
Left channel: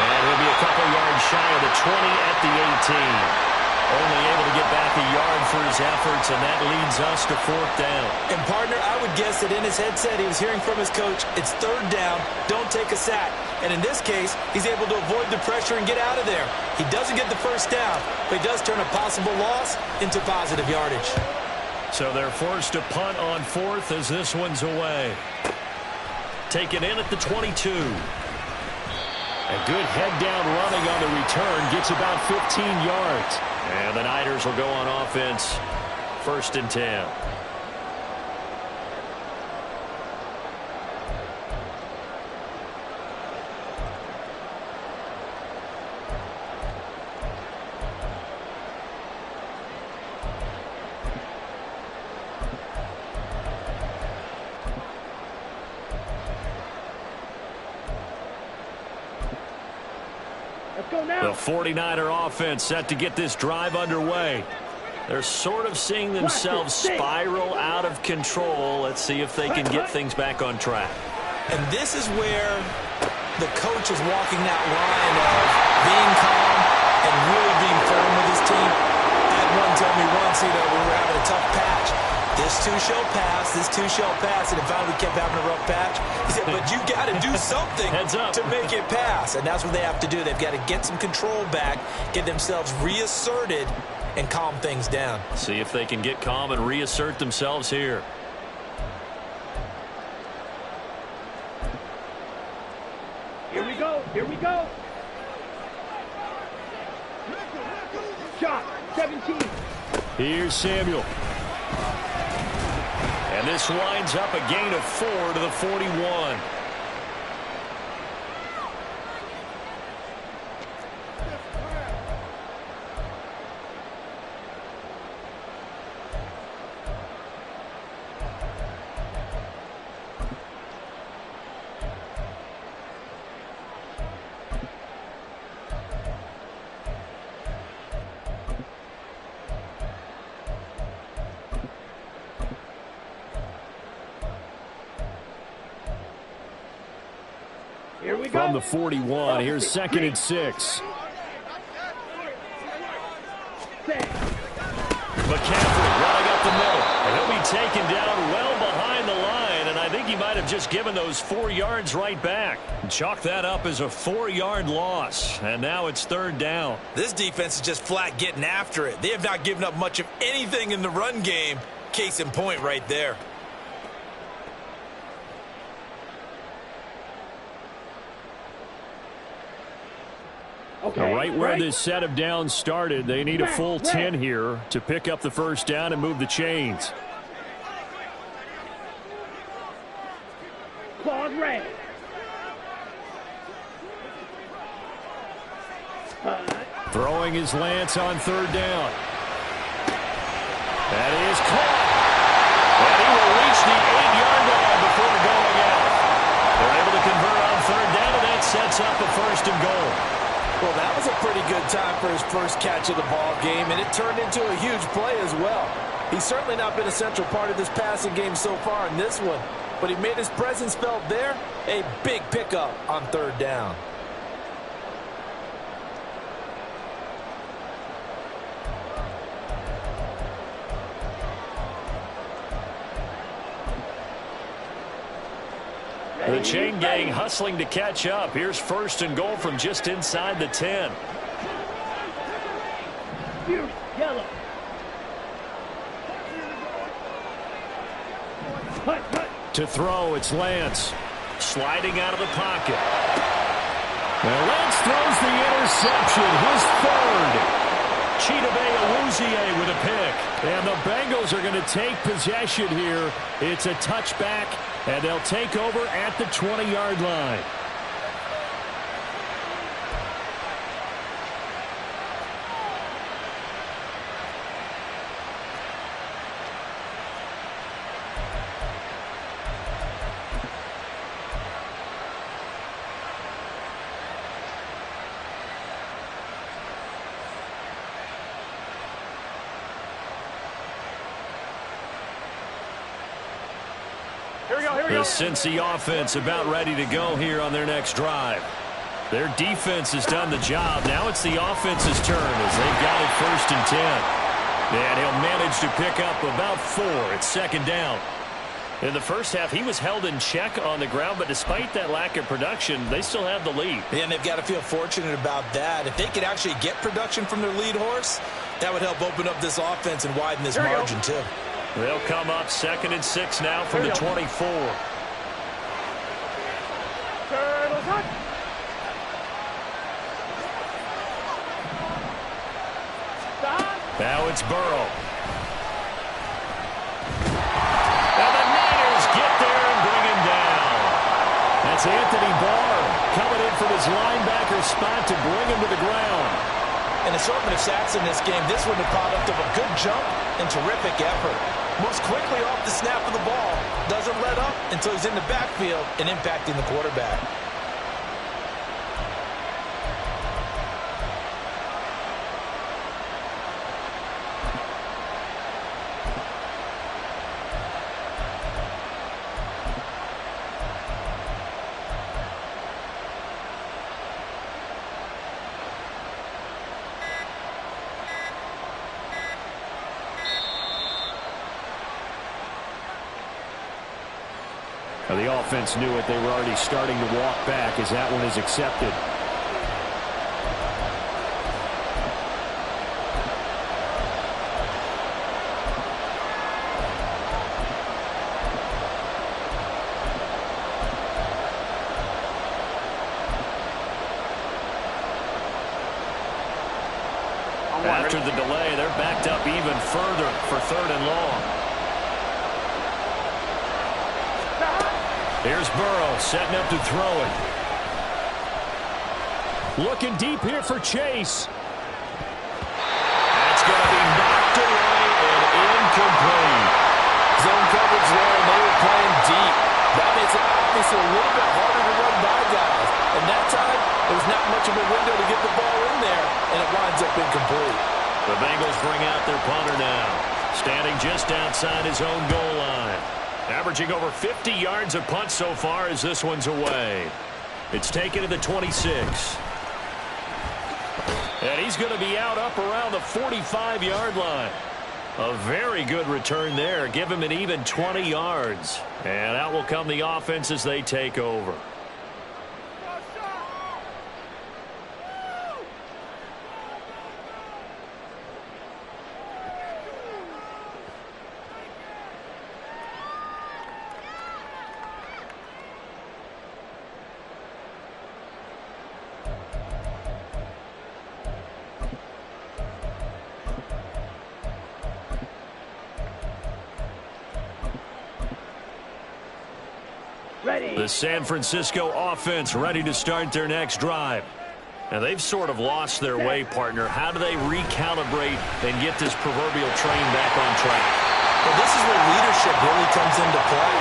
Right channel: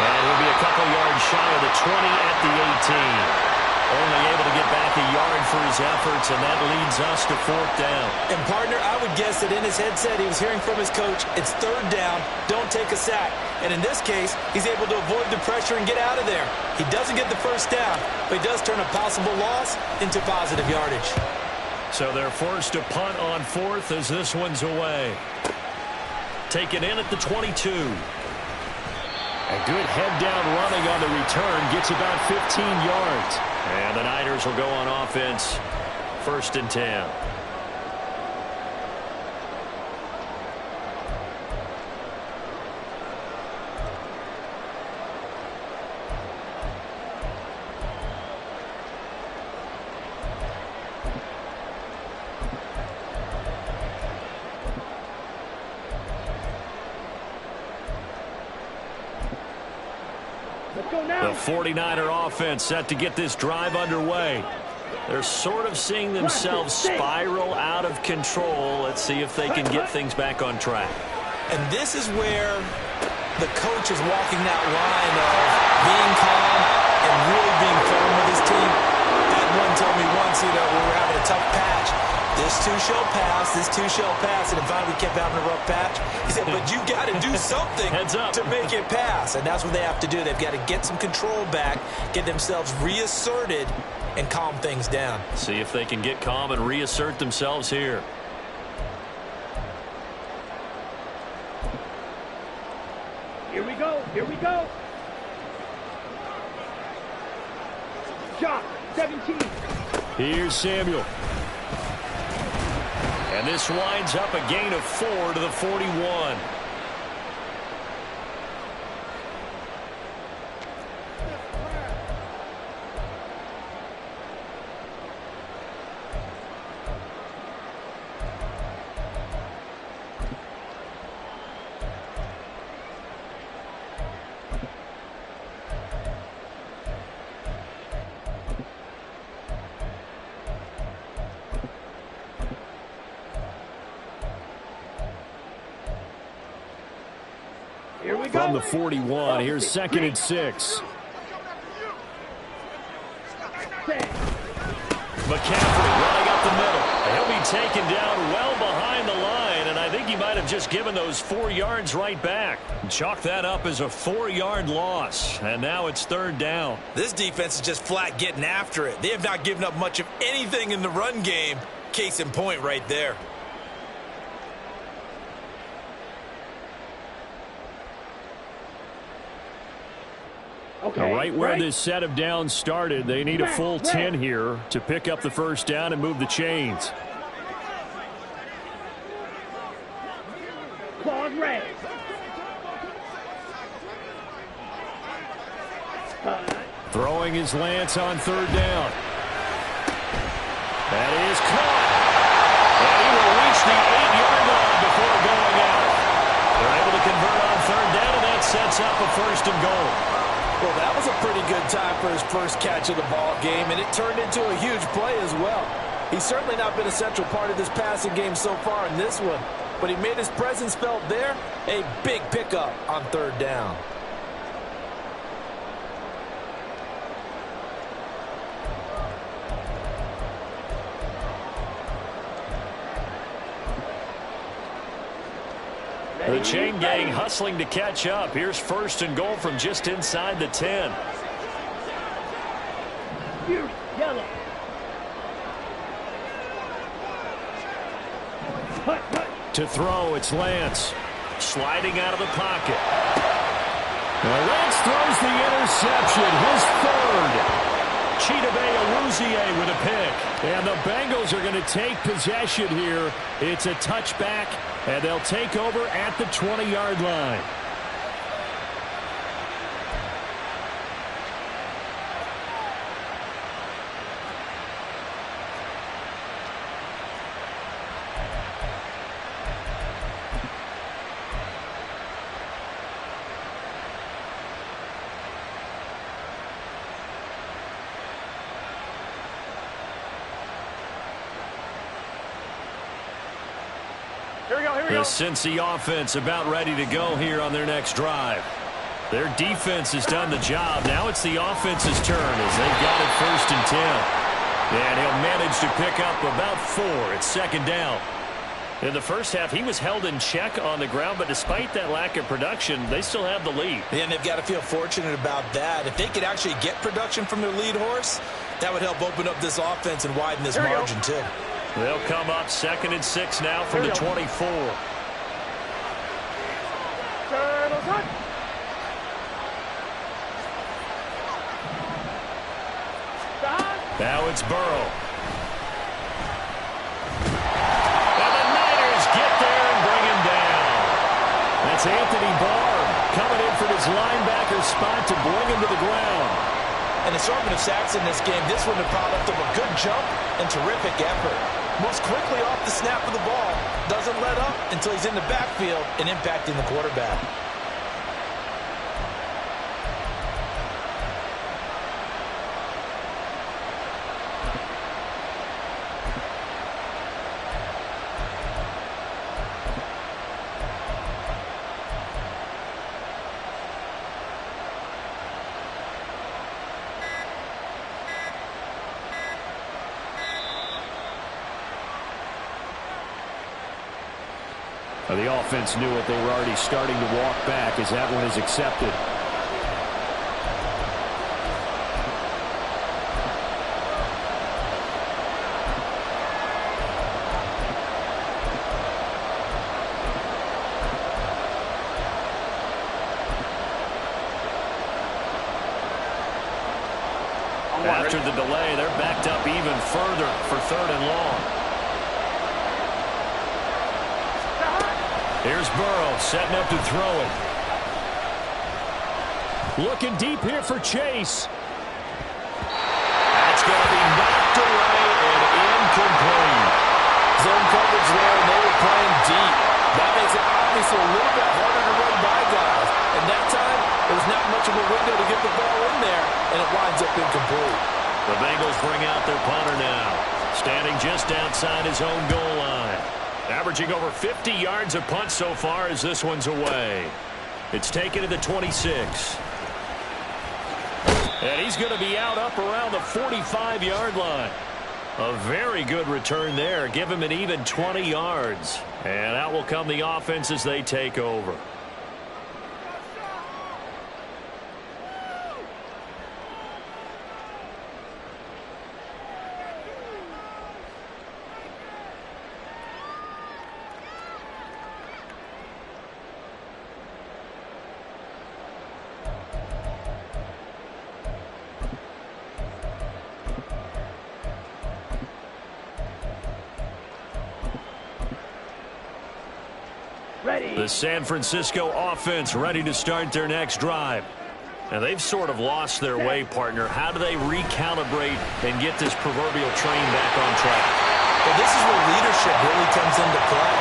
And he'll be a couple yards shy of the 20 at the 18. Only able to get back a yard for his efforts, and that leads us to 4th down. And, partner, I would guess that in his headset he was hearing from his coach, it's 3rd down, don't take a sack. And in this case, he's able to avoid the pressure and get out of there. He doesn't get the 1st down, but he does turn a possible loss into positive yardage. So they're forced to punt on 4th as this one's away. Taken in at the 22. A good head-down running on the return gets about 15 yards. And the Niners will go on offense. 1st and 10. The 49er offense set to get this drive underway. They're sort of seeing themselves spiral out of control. Let's see if they can get things back on track. And this is where the coach is walking that line of being calm and really being firm with his team. I had one tell me once, we were having a tough patch. This too shall pass, this too shall pass. And finally we kept having a rough patch. He said, but you got to do something to make it pass. And that's what they have to do. They've got to get some control back, get themselves reasserted, and calm things down. See if they can get calm and reassert themselves here. Here we go. Here we go. Shot. 17. Here's Samuel. And this winds up a gain of 4 to the 41. we From go. the 41, here's 2nd and 6. McCaffrey running up the middle. And he'll be taken down well behind the line, and I think he might have just given those 4 yards right back. Chalk that up as a 4-yard loss, and now it's 3rd down. This defense is just flat getting after it. They have not given up much of anything in the run game. Case in point right there. Okay, Right where this set of downs started, they need a full 10 here to pick up the first down and move the chains. Claws red. Throwing his Lance on 3rd down. That is caught. And he will reach the 8-yard line before going out. They're able to convert on 3rd down, and that sets up a 1st and goal. Well, that was a pretty good time for his first catch of the ball game, and it turned into a huge play as well. He's certainly not been a central part of this passing game so far in this one, but he made his presence felt there. A big pickup on 3rd down. The chain gang hustling to catch up. Here's 1st and goal from just inside the 10. Beauty, yellow. Hut, hut. To throw, it's Lance. Sliding out of the pocket. And Lance throws the interception, his 3rd. Chidobe Awuzie with a pick. And the Bengals are going to take possession here. It's a touchback, and they'll take over at the 20-yard line. The Cincy offense about ready to go here on their next drive. Their defense has done the job. Now it's the offense's turn as they've got it 1st and 10. And he'll manage to pick up about 4. It's 2nd down. In the first half, he was held in check on the ground, but despite that lack of production, they still have the lead. Yeah, and they've got to feel fortunate about that. If they could actually get production from their lead horse, that would help open up this offense and widen this margin too. They'll come up 2nd and 6 now from the 24. Turtles hut. Now it's Burrow. And the Niners get there and bring him down. That's Anthony Barr coming in from his linebacker spot to bring him to the ground. An assortment of sacks in this game. This one the product of a good jump and terrific effort. Moves quickly off the snap of the ball. Doesn't let up until he's in the backfield and impacting the quarterback. The offense knew it. They were already starting to walk back as that one is accepted. After the delay, they're backed up even further for 3rd and long. Here's Burrow setting up to throw it. Looking deep here for Chase. That's going to be knocked away and incomplete. Zone coverage there, and they were playing deep. That makes it obviously a little bit harder to run by guys. And that time, there was not much of a window to get the ball in there, and it winds up incomplete. The Bengals bring out their punter now, standing just outside his own goal line. Averaging over 50 yards a punt so far as this one's away. It's taken to the 26. And he's going to be out up around the 45-yard line. A very good return there. Give him an even 20 yards. And out will come the offense as they take over. The San Francisco offense ready to start their next drive. And they've sort of lost their way, partner. How do they recalibrate and get this proverbial train back on track? Well, this is where leadership really comes into play.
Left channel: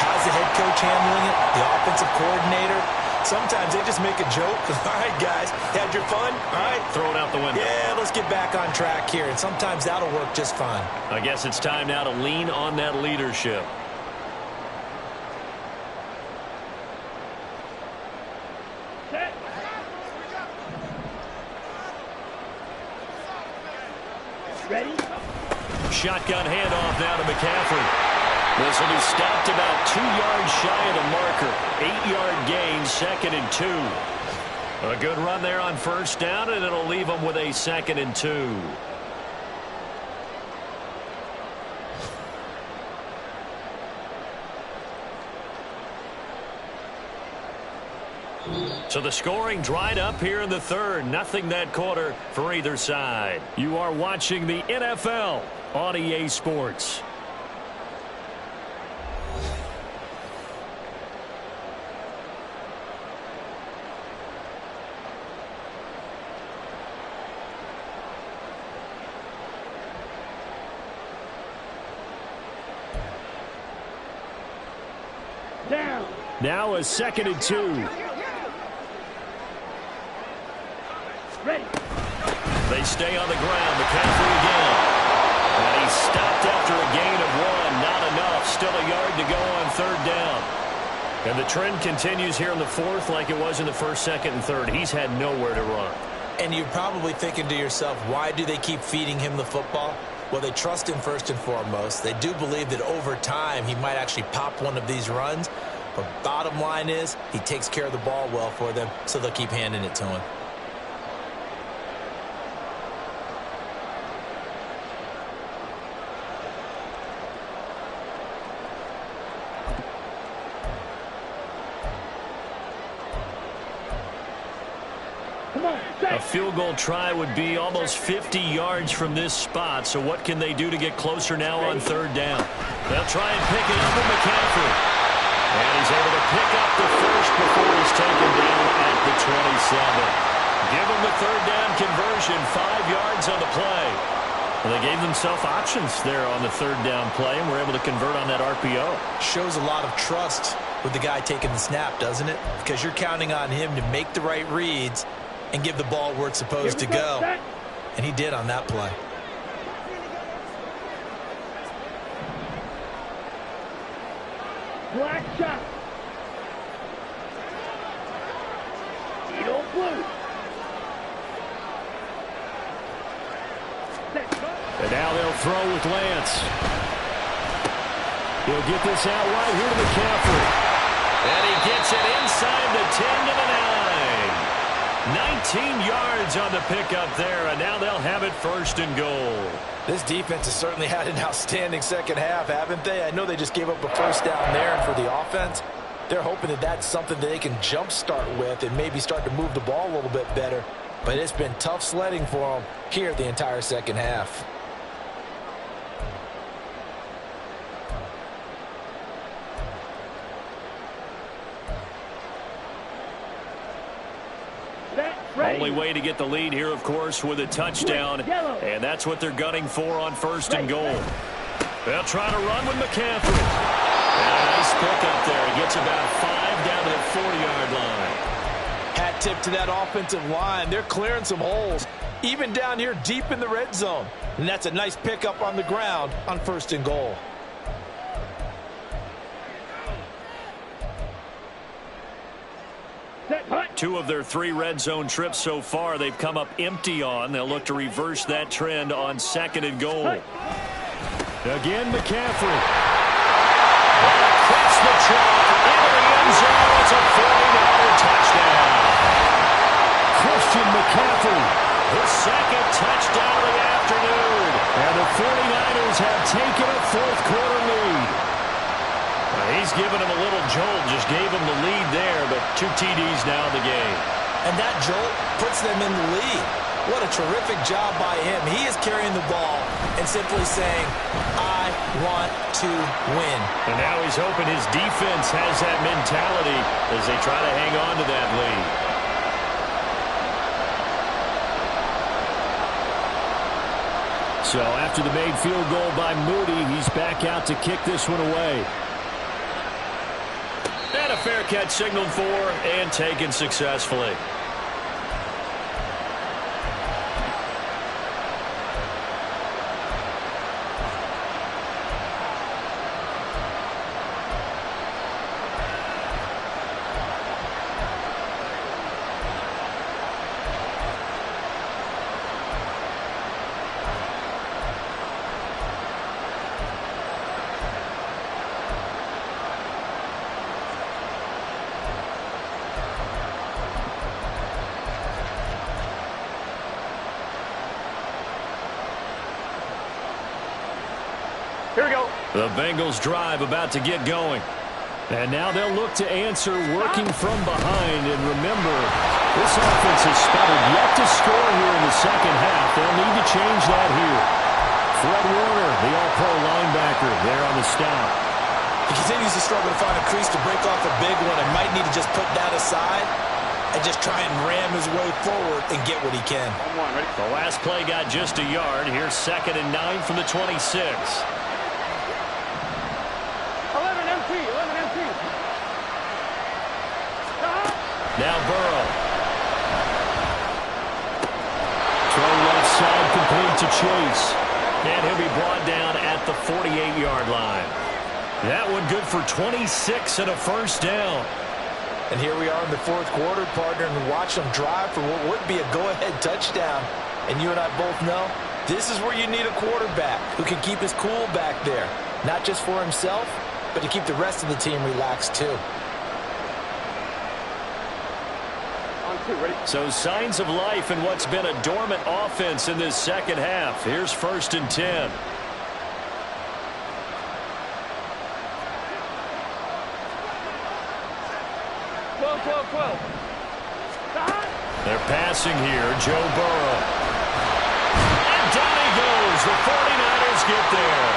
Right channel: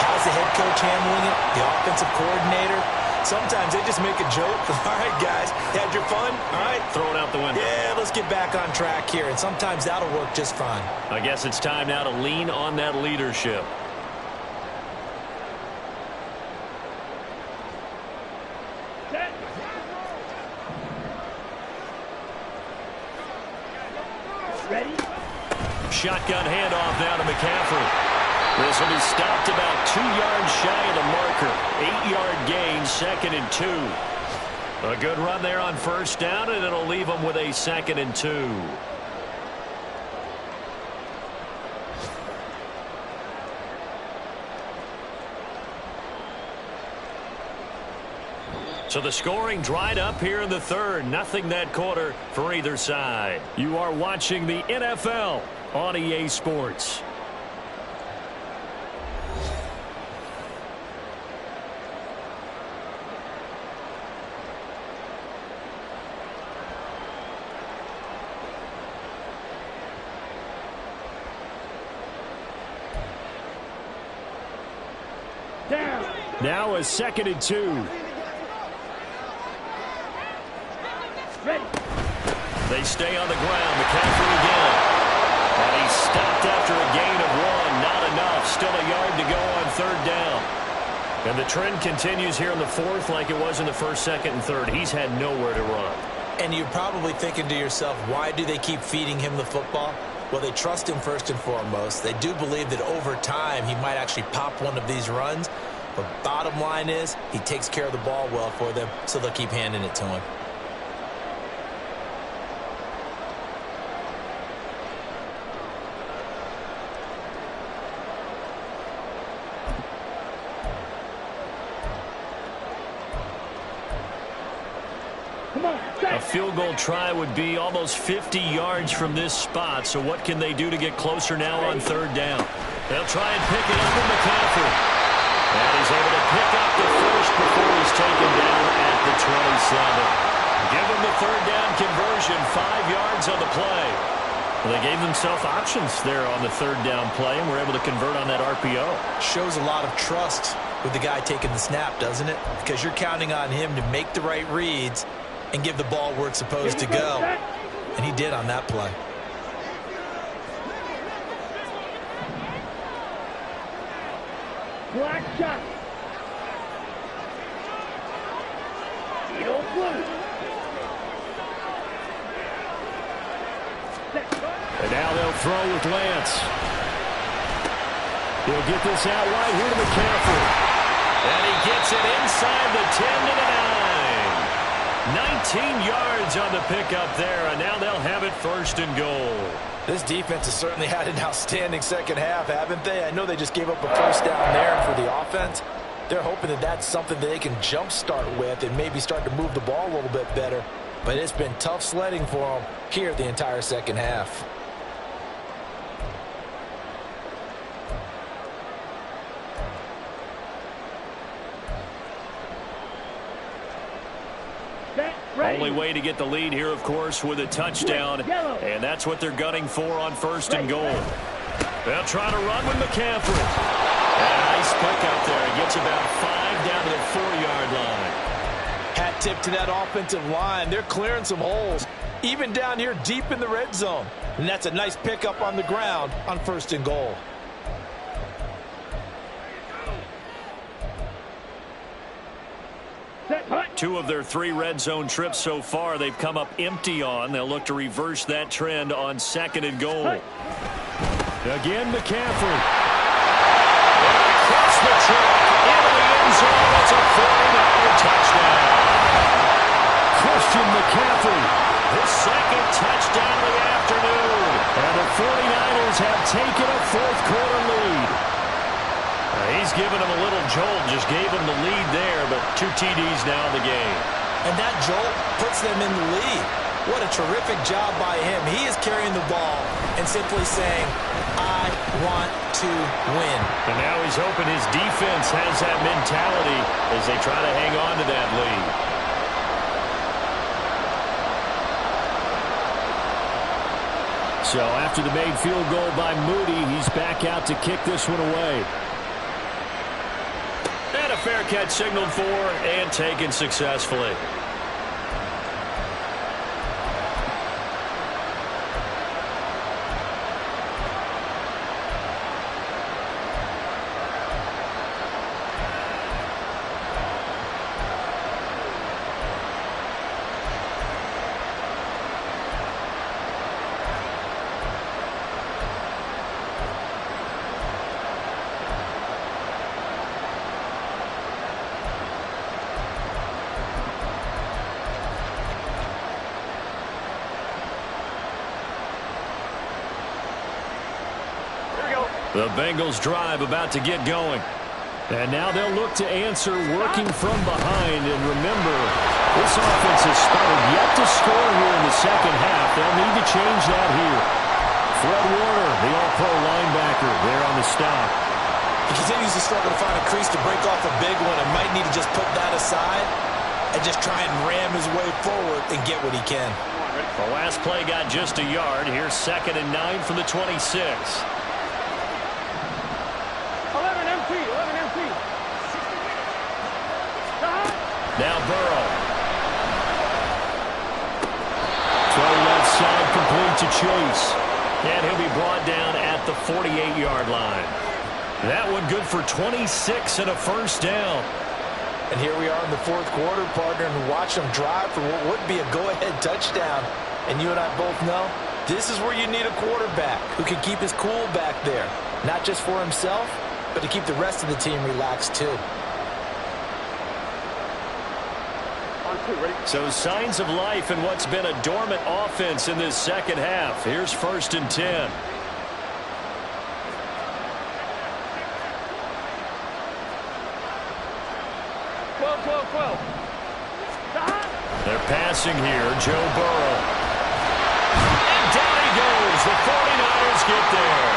How's the head coach handling it? The offensive coordinator? Sometimes they just make a joke. All right, guys, had your fun? All right. Throw it out the window. Yeah, let's get back on track here. And sometimes that'll work just fine. I guess it's time now to lean on that leadership. Ready? Shotgun handoff now to McCaffrey. This will be stopped about 2 yards shy of the marker. 8-yard gain, 2nd and 2. A good run there on first down, and it'll leave them with a 2nd and 2. So the scoring dried up here in the third. Nothing that quarter for either side. You are watching the NFL on EA Sports. Down. Now a 2nd and 2. Ready. They stay on the ground. McCaffrey again. And he's stopped after a gain of 1. Not enough. Still a yard to go on third down. And the trend continues here in the fourth like it was in the first, second, and third. He's had nowhere to run. And you're probably thinking to yourself, why do they keep feeding him the football? Well, they trust him first and foremost. They do believe that over time he might actually pop one of these runs. But bottom line is he takes care of the ball well for them, so they'll keep handing it to him. A field goal try would be almost 50 yards from this spot. So what can they do to get closer now on third down? They'll try and pick it up with McCaffrey. And he's able to pick up the first before he's taken down at the 27. Give him the third down conversion, 5 yards on the play. Well, they gave themselves options there on the third down play and were able to convert on that RPO. Shows a lot of trust with the guy taking the snap, doesn't it? Because you're counting on him to make the right reads and give the ball where it's supposed to go. And he did on that play. Black shot. Eagle blue. And now they'll throw with Lance. He'll get this out wide here to McCaffrey. And he gets it inside the 10 to the 9. 19 yards on the pickup there, and now they'll have it 1st and goal. This defense has certainly had an outstanding second half, haven't they? I know they just gave up a first down there, and for the offense, they're hoping that that's something that they can jumpstart with and maybe start to move the ball a little bit better. But it's been tough sledding for them here the entire second half. Only way to get the lead here, of course, with a touchdown. And that's what they're gunning for on 1st and goal. They'll try to run with McCaffrey. And a nice pickup there. He gets about 5 down to the 4-yard line. Hat tip to that offensive line. They're clearing some holes, even down here deep in the red zone. And that's a nice pickup on the ground on 1st and goal. 2 of their 3 red zone trips so far they've come up empty on. They'll look to reverse that trend on 2nd and goal. Again, McCaffrey. And across the chalk, into the end zone. It's a 49er touchdown. Christian McCaffrey, his 2nd touchdown of the afternoon. And the 49ers have taken a 4th quarter lead. He's given him a little jolt, just gave him the lead there, but 2 TDs now in the game. And that jolt puts them in the lead. What a terrific job by him. He is carrying the ball and simply saying, I want to win. And now he's hoping his defense has that mentality as they try to hang on to that lead. So after the made field goal by Moody, he's back out to kick this one away. And a fair catch signaled for and taken successfully. Here we go. The Bengals drive about to get going. And now they'll look to answer working from behind. And remember, this offense has sputtered yet to score here in the second half. They'll need to change that here. Fred Warner, the all-pro linebacker, there on the stop. He continues to struggle to find a crease to break off a big one and might need to just put that aside and just try and ram his way forward and get what he can. The last play got just a yard. Here's 2nd and 9 from the 26. 11 MP. Now Burrow. Throw left side complete to Chase. And he'll be brought down at the 48-yard line. That one good for 26 and a first down. And here we are in the 4th quarter, partner, and watch them drive for what would be a go-ahead touchdown. And you and I both know this is where you need a quarterback who can keep his cool back there. Not just for himself, but to keep the rest of the team relaxed too. On 2, ready? So signs of life in what's been a dormant offense in this second half. Here's 1st and 10. Twelve. They're passing here. Joe Burrow. And down he goes. The 49ers get there.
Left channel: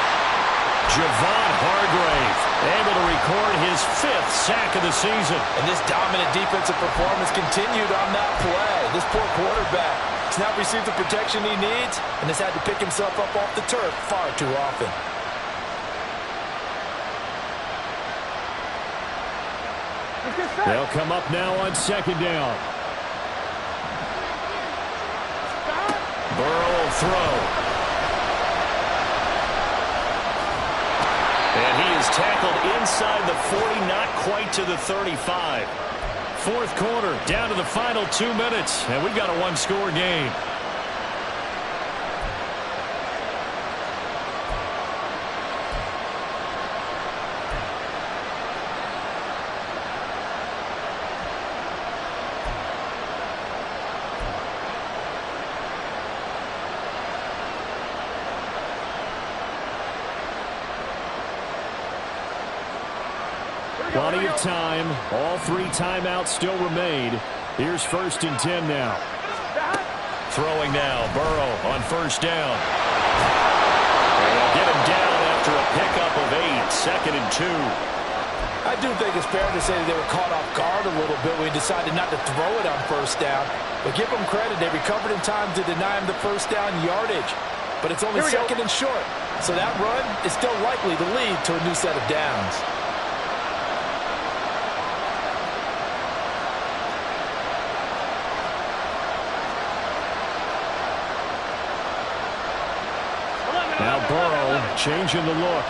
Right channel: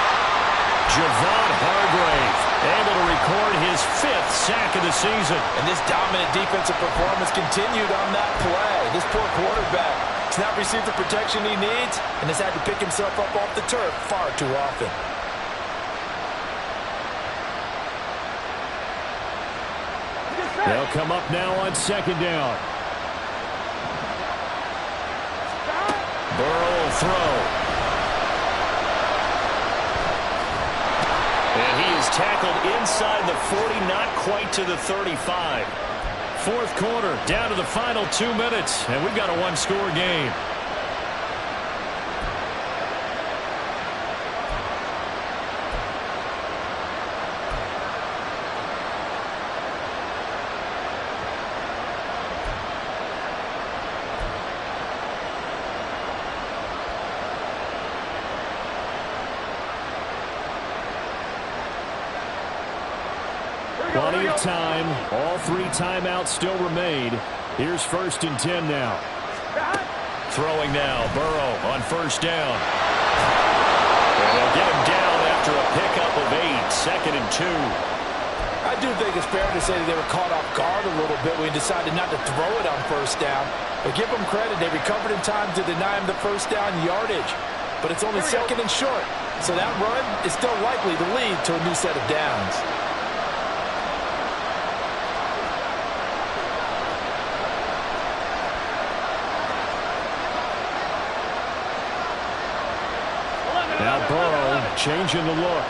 Javon Hargrave able to record his 5th sack of the season. And this dominant defensive performance continued on that play. This poor quarterback has not received the protection he needs and has had to pick himself up off the turf far too often. They'll come up now on 2nd down. Burrow will throw. And he is tackled inside the 40, not quite to the 35. 4th quarter, down to the final 2 minutes, and we've got a 1-score game. Plenty of time. All 3 timeouts still remain. Here's 1st and 10 now. Throwing now. Burrow on 1st down. And they'll get him down after a pickup of 8. 2nd and 2. I do think it's fair to say that they were caught off guard a little bit when he decided not to throw it on 1st down. But give them credit. They recovered in time to deny him the 1st down yardage. But it's only 2nd and short. So that run is still likely to lead to a new set of downs. Now Burrow changing the look.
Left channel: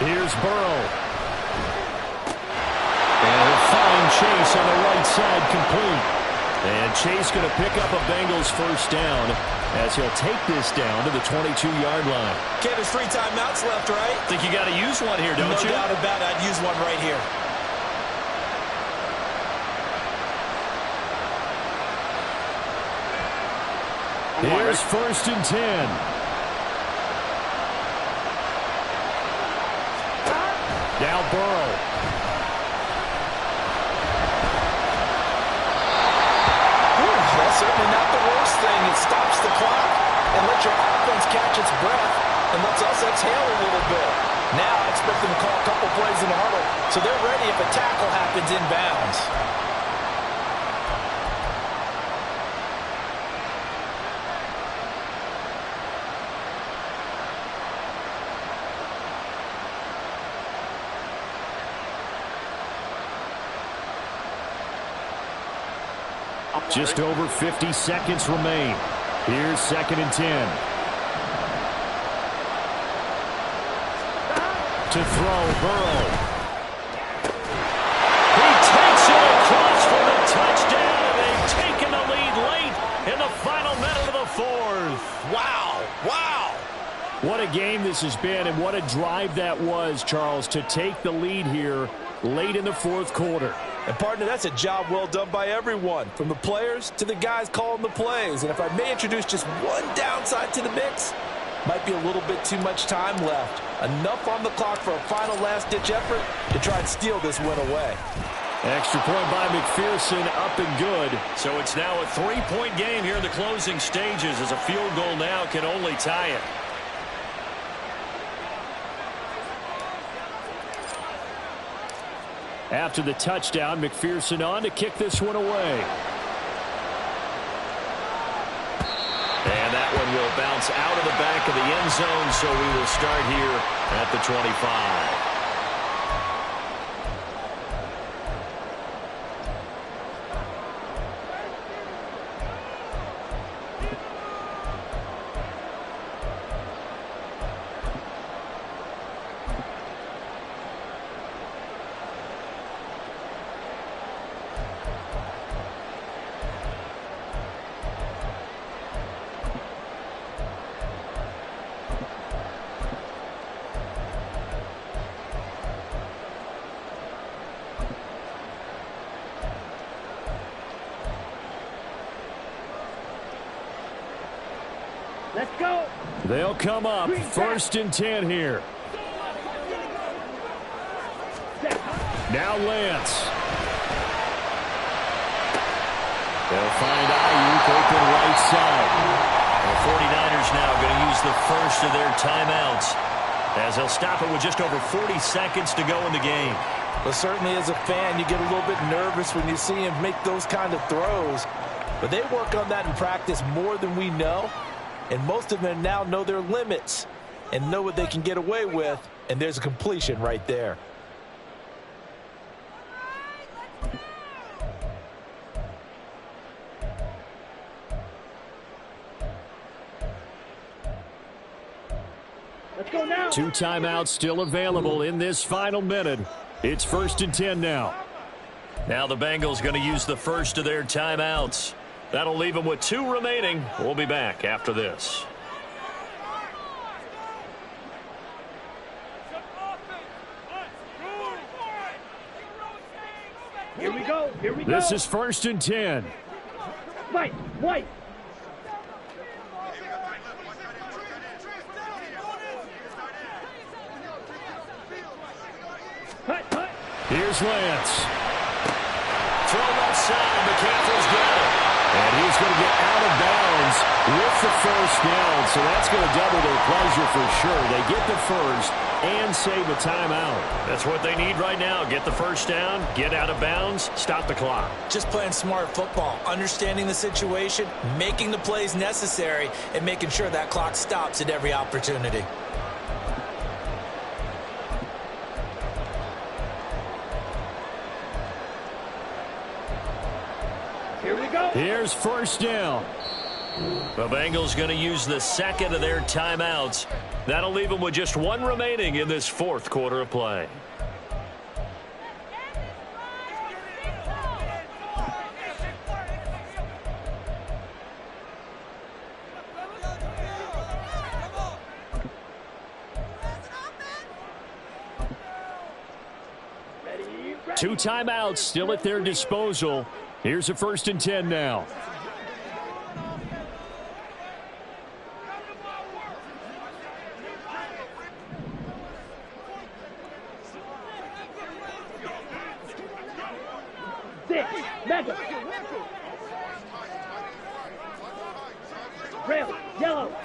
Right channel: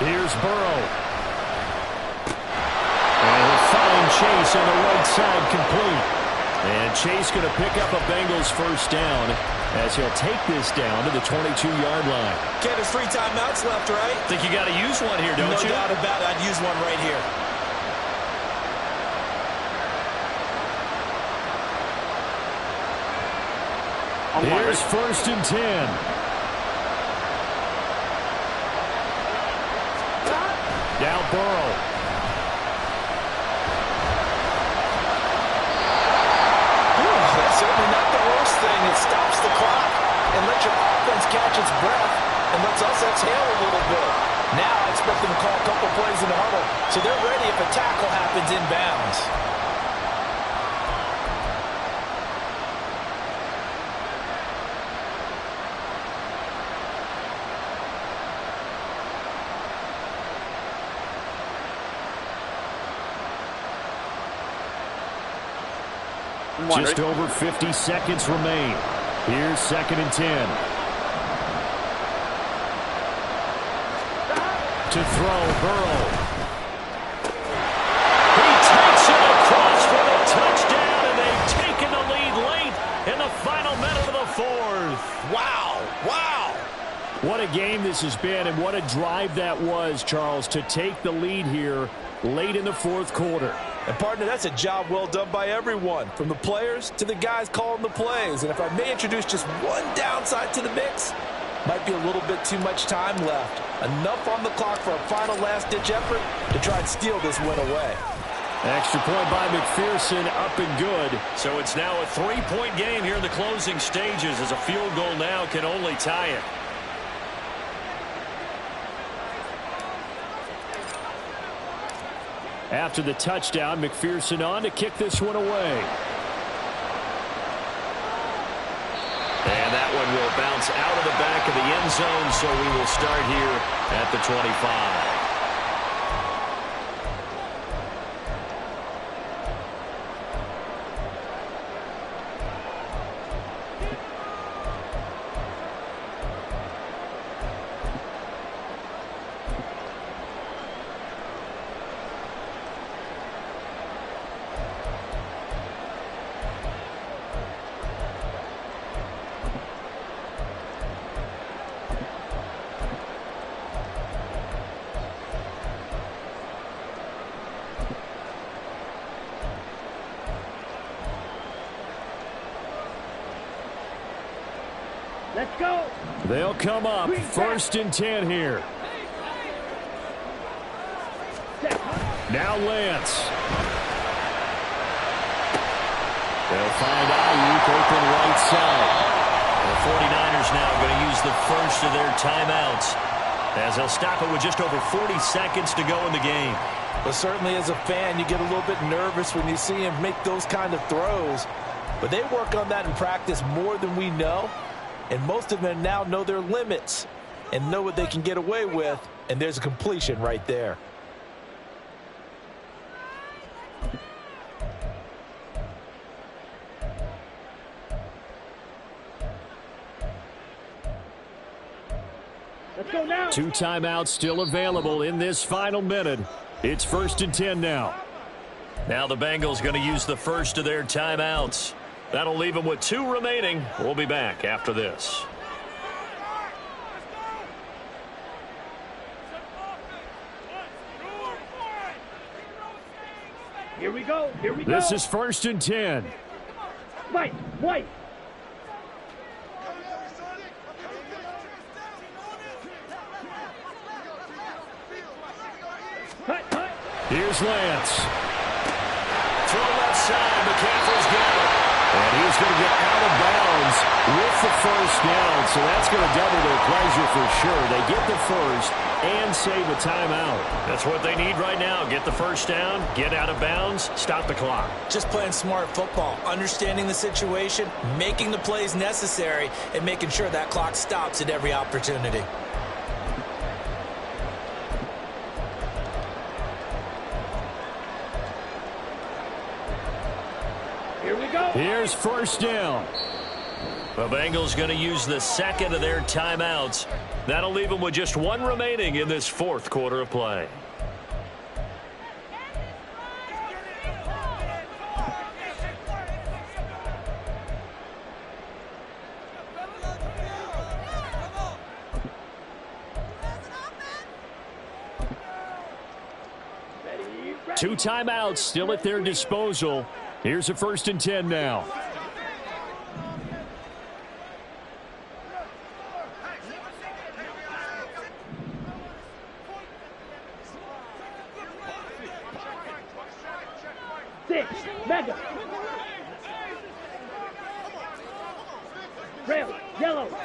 Here's Burrow. And he'll find Chase on the right side complete. And Chase going to pick up a Bengals first down as he'll take this down to the 22-yard line. Okay, there's 3 timeouts left, right? Think you got to use one here, don't you? No doubt about it. I'd use one right here. Here's first and 10. Now Burrow. That's certainly not the worst thing. It stops the clock and lets your offense catch its breath and lets us exhale a little bit. Now I expect them to call a couple plays in the huddle so they're ready if a tackle happens inbounds. Just over 50 seconds remain. Here's second and 10. To throw, Burrow. He takes it across for the touchdown, and they've taken the lead late in the final minute of the fourth. Wow, wow. What a game this has been, and what a drive that was, Charles, to take the lead here late in the fourth quarter. And, partner, that's a job well done by everyone, from the players to the guys calling the plays. And if I may introduce just one downside to the mix, might be a little bit too much time left. Enough on the clock for a final last-ditch effort to try and steal this win away. Extra point by McPherson, up and good. So it's now a 3-point game here in the closing stages, as a field goal now can only tie it. After the touchdown, McPherson on to kick this one away. And that one will bounce out of the back of the end zone, so we will start here at the 25. Let's go. They'll come up first and 10 here. Now Lance. They'll find Ayuk open right side. The 49ers now going to use the first of their timeouts, as they'll stop it with just over 40 seconds to go in the game. But certainly as a fan, you get a little bit nervous when you see him make those kind of throws. But they work on that in practice more than we know. And most of them now know their limits and know what they can get away with. And there's a completion right there. Let's go now. 2 timeouts still available in this final minute. It's first and 10 now. Now the Bengals going to use the first of their timeouts. That'll leave them with 2 remaining. We'll be back after this. Here we go. Here we go. This is first and 10. White. Hut. Here's Lance. Throw left side. McCaffrey's got it. And he's going to get out of bounds with the first down. So that's going to double their pleasure for sure. They get the first and save a timeout. That's what they need right now. Get the first down, get out of bounds, stop the clock. Just playing smart football, understanding the situation, making the plays necessary, and making sure that clock stops at every opportunity. Here we go. Here's first down. The Bengals going to use the second of their timeouts. That'll leave them with just 1 remaining in this fourth quarter of play. 2 timeouts still at their disposal. Here's a 1st and 10 now. Mega. Rail. Yellow.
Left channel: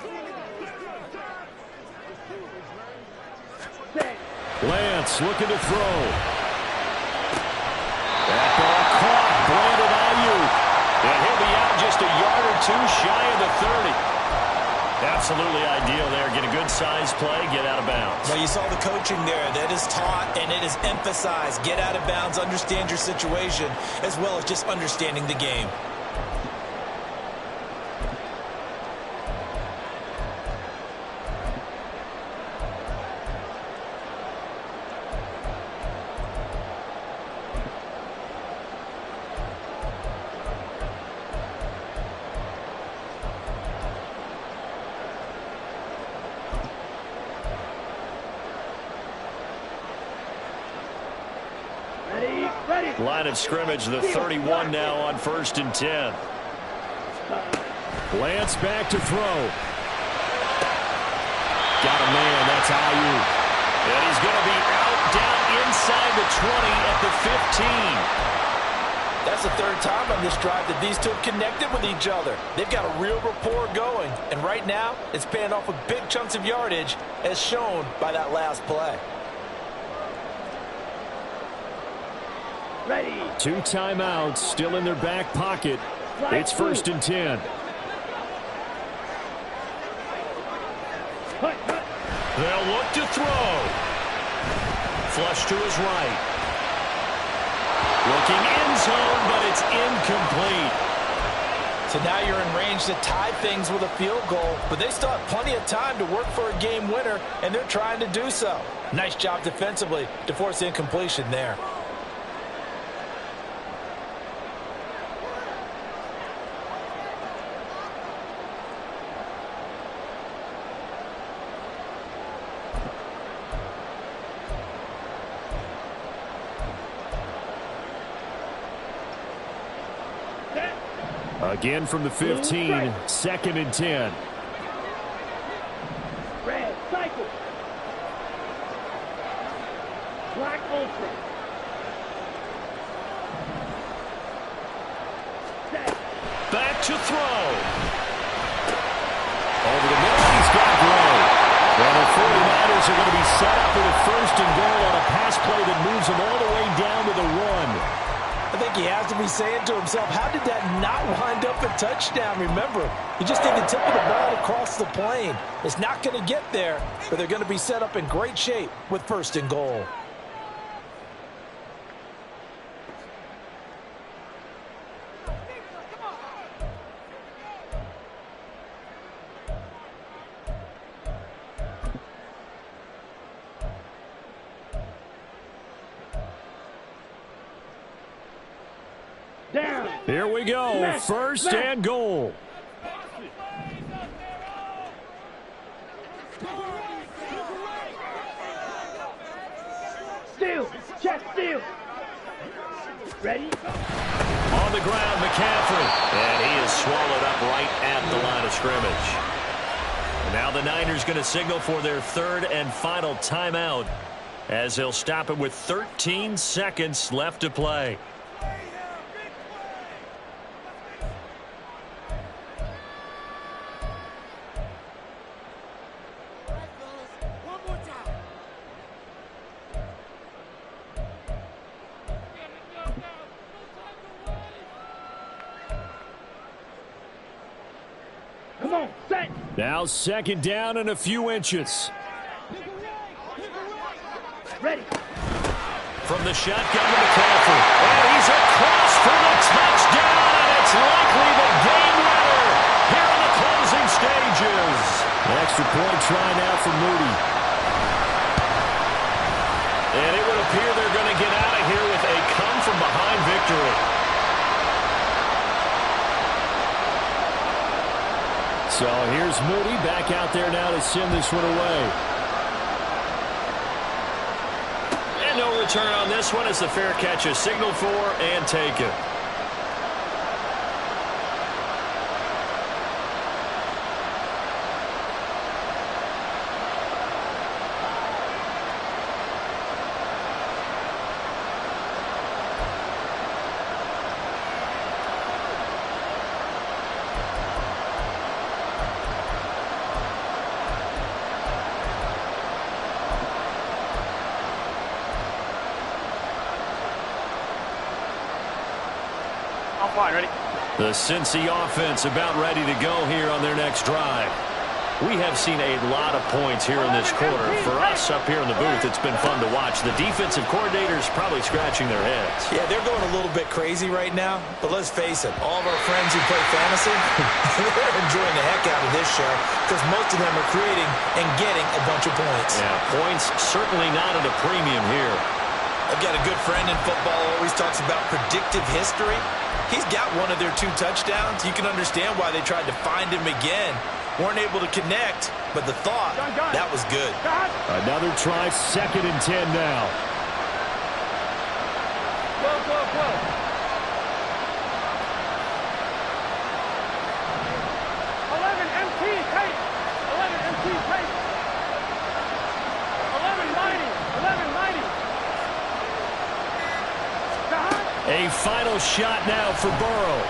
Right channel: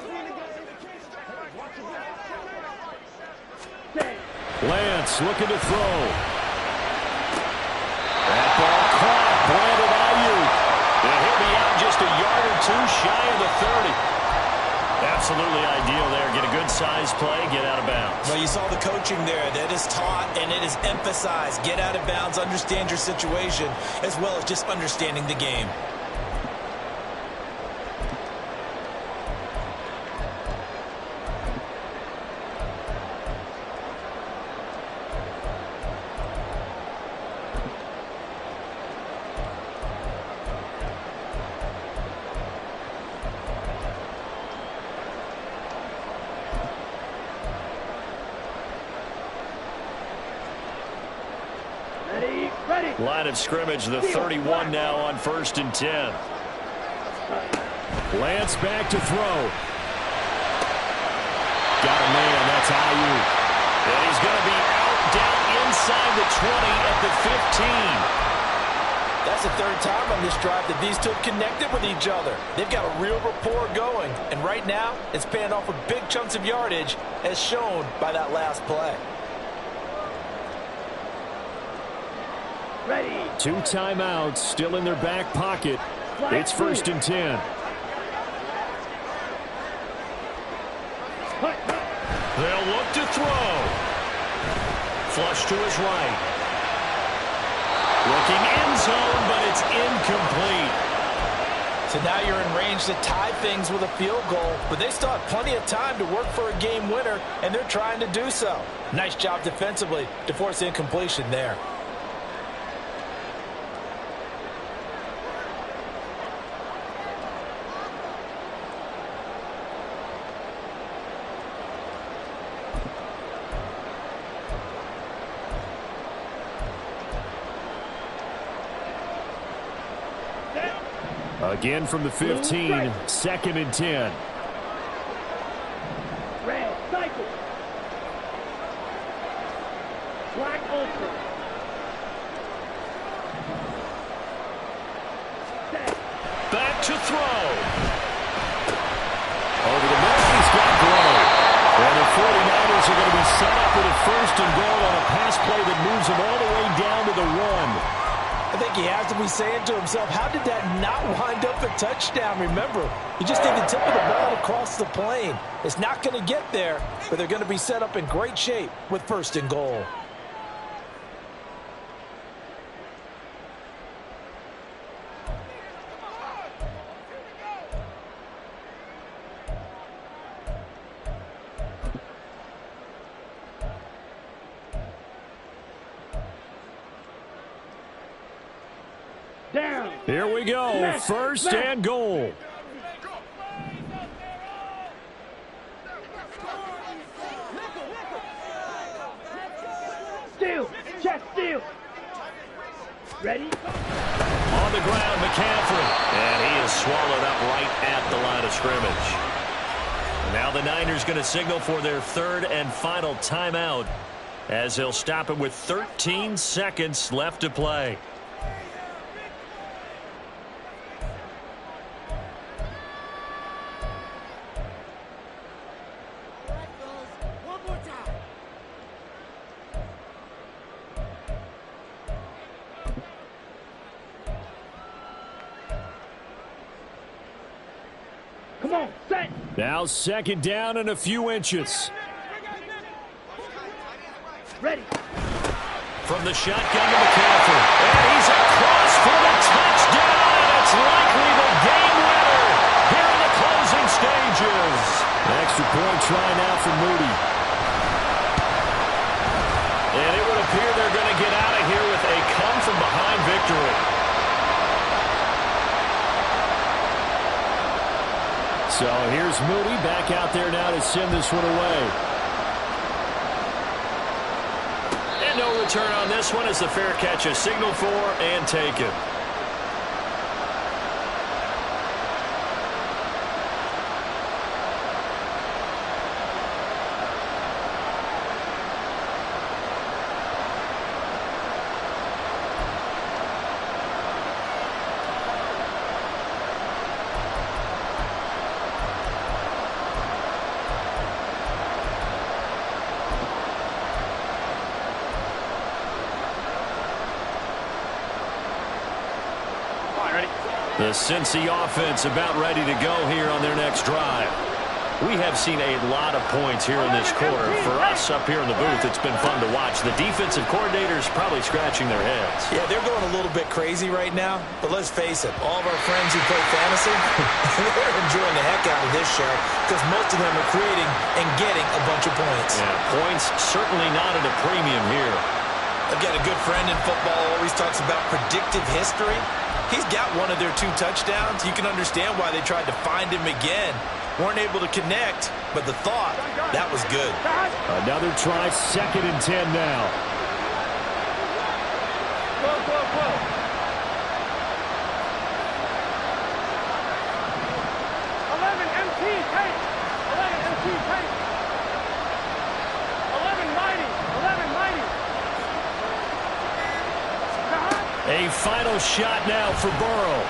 Six. Lance looking to throw. That ball caught. Brandon Ayuk. And he'll be out just a yard or 2 shy of the 30. Absolutely ideal there. Get a good size play, get out of bounds. Well, you saw the coaching there. That is taught and it is emphasized. Get out of bounds, understand your situation, as well as just understanding the game. Line of scrimmage, the 31 now on 1st and 10. Lance back to throw. Got a man, that's Ayuk. And he's going to be out down inside the 20 at the 15. That's the 3rd time on this drive that these two have connected with each other. They've got a real rapport going. And right now, it's paying off with big chunks of yardage, as shown by that last play. Ready. 2 timeouts still in their back pocket. It's 1st and 10. They'll look to throw. Flush to his right. Looking end zone, but it's incomplete. So now you're in range to tie things with a field goal, but they still have plenty of time to work for a game winner, and they're trying to do so. Nice job defensively to force incompletion there. Again from the 15, 2nd and 10. Red, cycle. Black ultra. Set. Back to throw. Over the middle, he's got Gray. And the 49ers are going to be set up with a 1st and goal on a pass play that moves them all the way down to the 1. I think he has to be saying to himself, how did that not wind up a touchdown? Remember, he just did the tip of the ball across the plane. It's not going to get there, but they're going to be set up in great shape with 1st and goal. Down. Here we go. 1st and goal. Steal. Check steal. Ready? On the ground, McCaffrey. And he is swallowed up right at the line of scrimmage. And now the Niners going to signal for their 3rd and final timeout, as they'll stop it with 13 seconds left to play. Come on, set. Now 2nd down and a few inches. Ready. From the shotgun to McCaffrey. And he's across for the touchdown, and it's likely the game winner here in the closing stages. An extra point try now for Moody. And it would appear they're going to get out of here with a come-from-behind victory. So here's Moody back out there now to send this one away. And no return. return on this one as the fair catch is signaled for and taken. Ready? The Cincy offense about ready to go here on their next drive. We have seen a lot of points here in this quarter. For us up here in the booth, it's been fun to watch. The defensive coordinators probably scratching their heads. Yeah, they're going a little bit crazy right now. But let's face it, all of our friends who play fantasy, they're enjoying the heck out of this show because most of them are creating and getting a bunch of points. Yeah, points certainly not at a premium here. I've got a good friend in football who always talks about predictive history. He's got one of their 2 touchdowns. You can understand why they tried to find him again. Weren't able to connect, but the thought, that was good. Another try, 2nd and 10 now. Go. 11 MT tape. 11 MT tape. 11 mighty. 11 mighty. A final shot now for Burrow.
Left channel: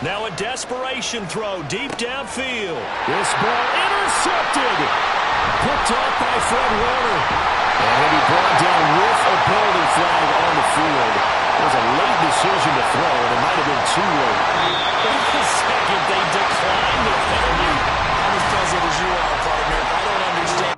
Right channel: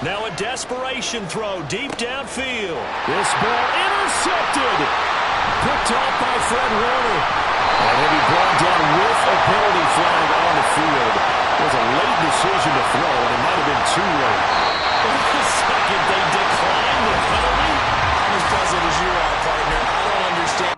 Now a desperation throw deep downfield. This ball intercepted. Picked off by Fred Warner. And he'll be brought down with a penalty flag on the field. It was a late decision to throw, and it might have been too late. Wait a second, they declined the penalty? I'm as puzzled as you are, partner. I don't understand.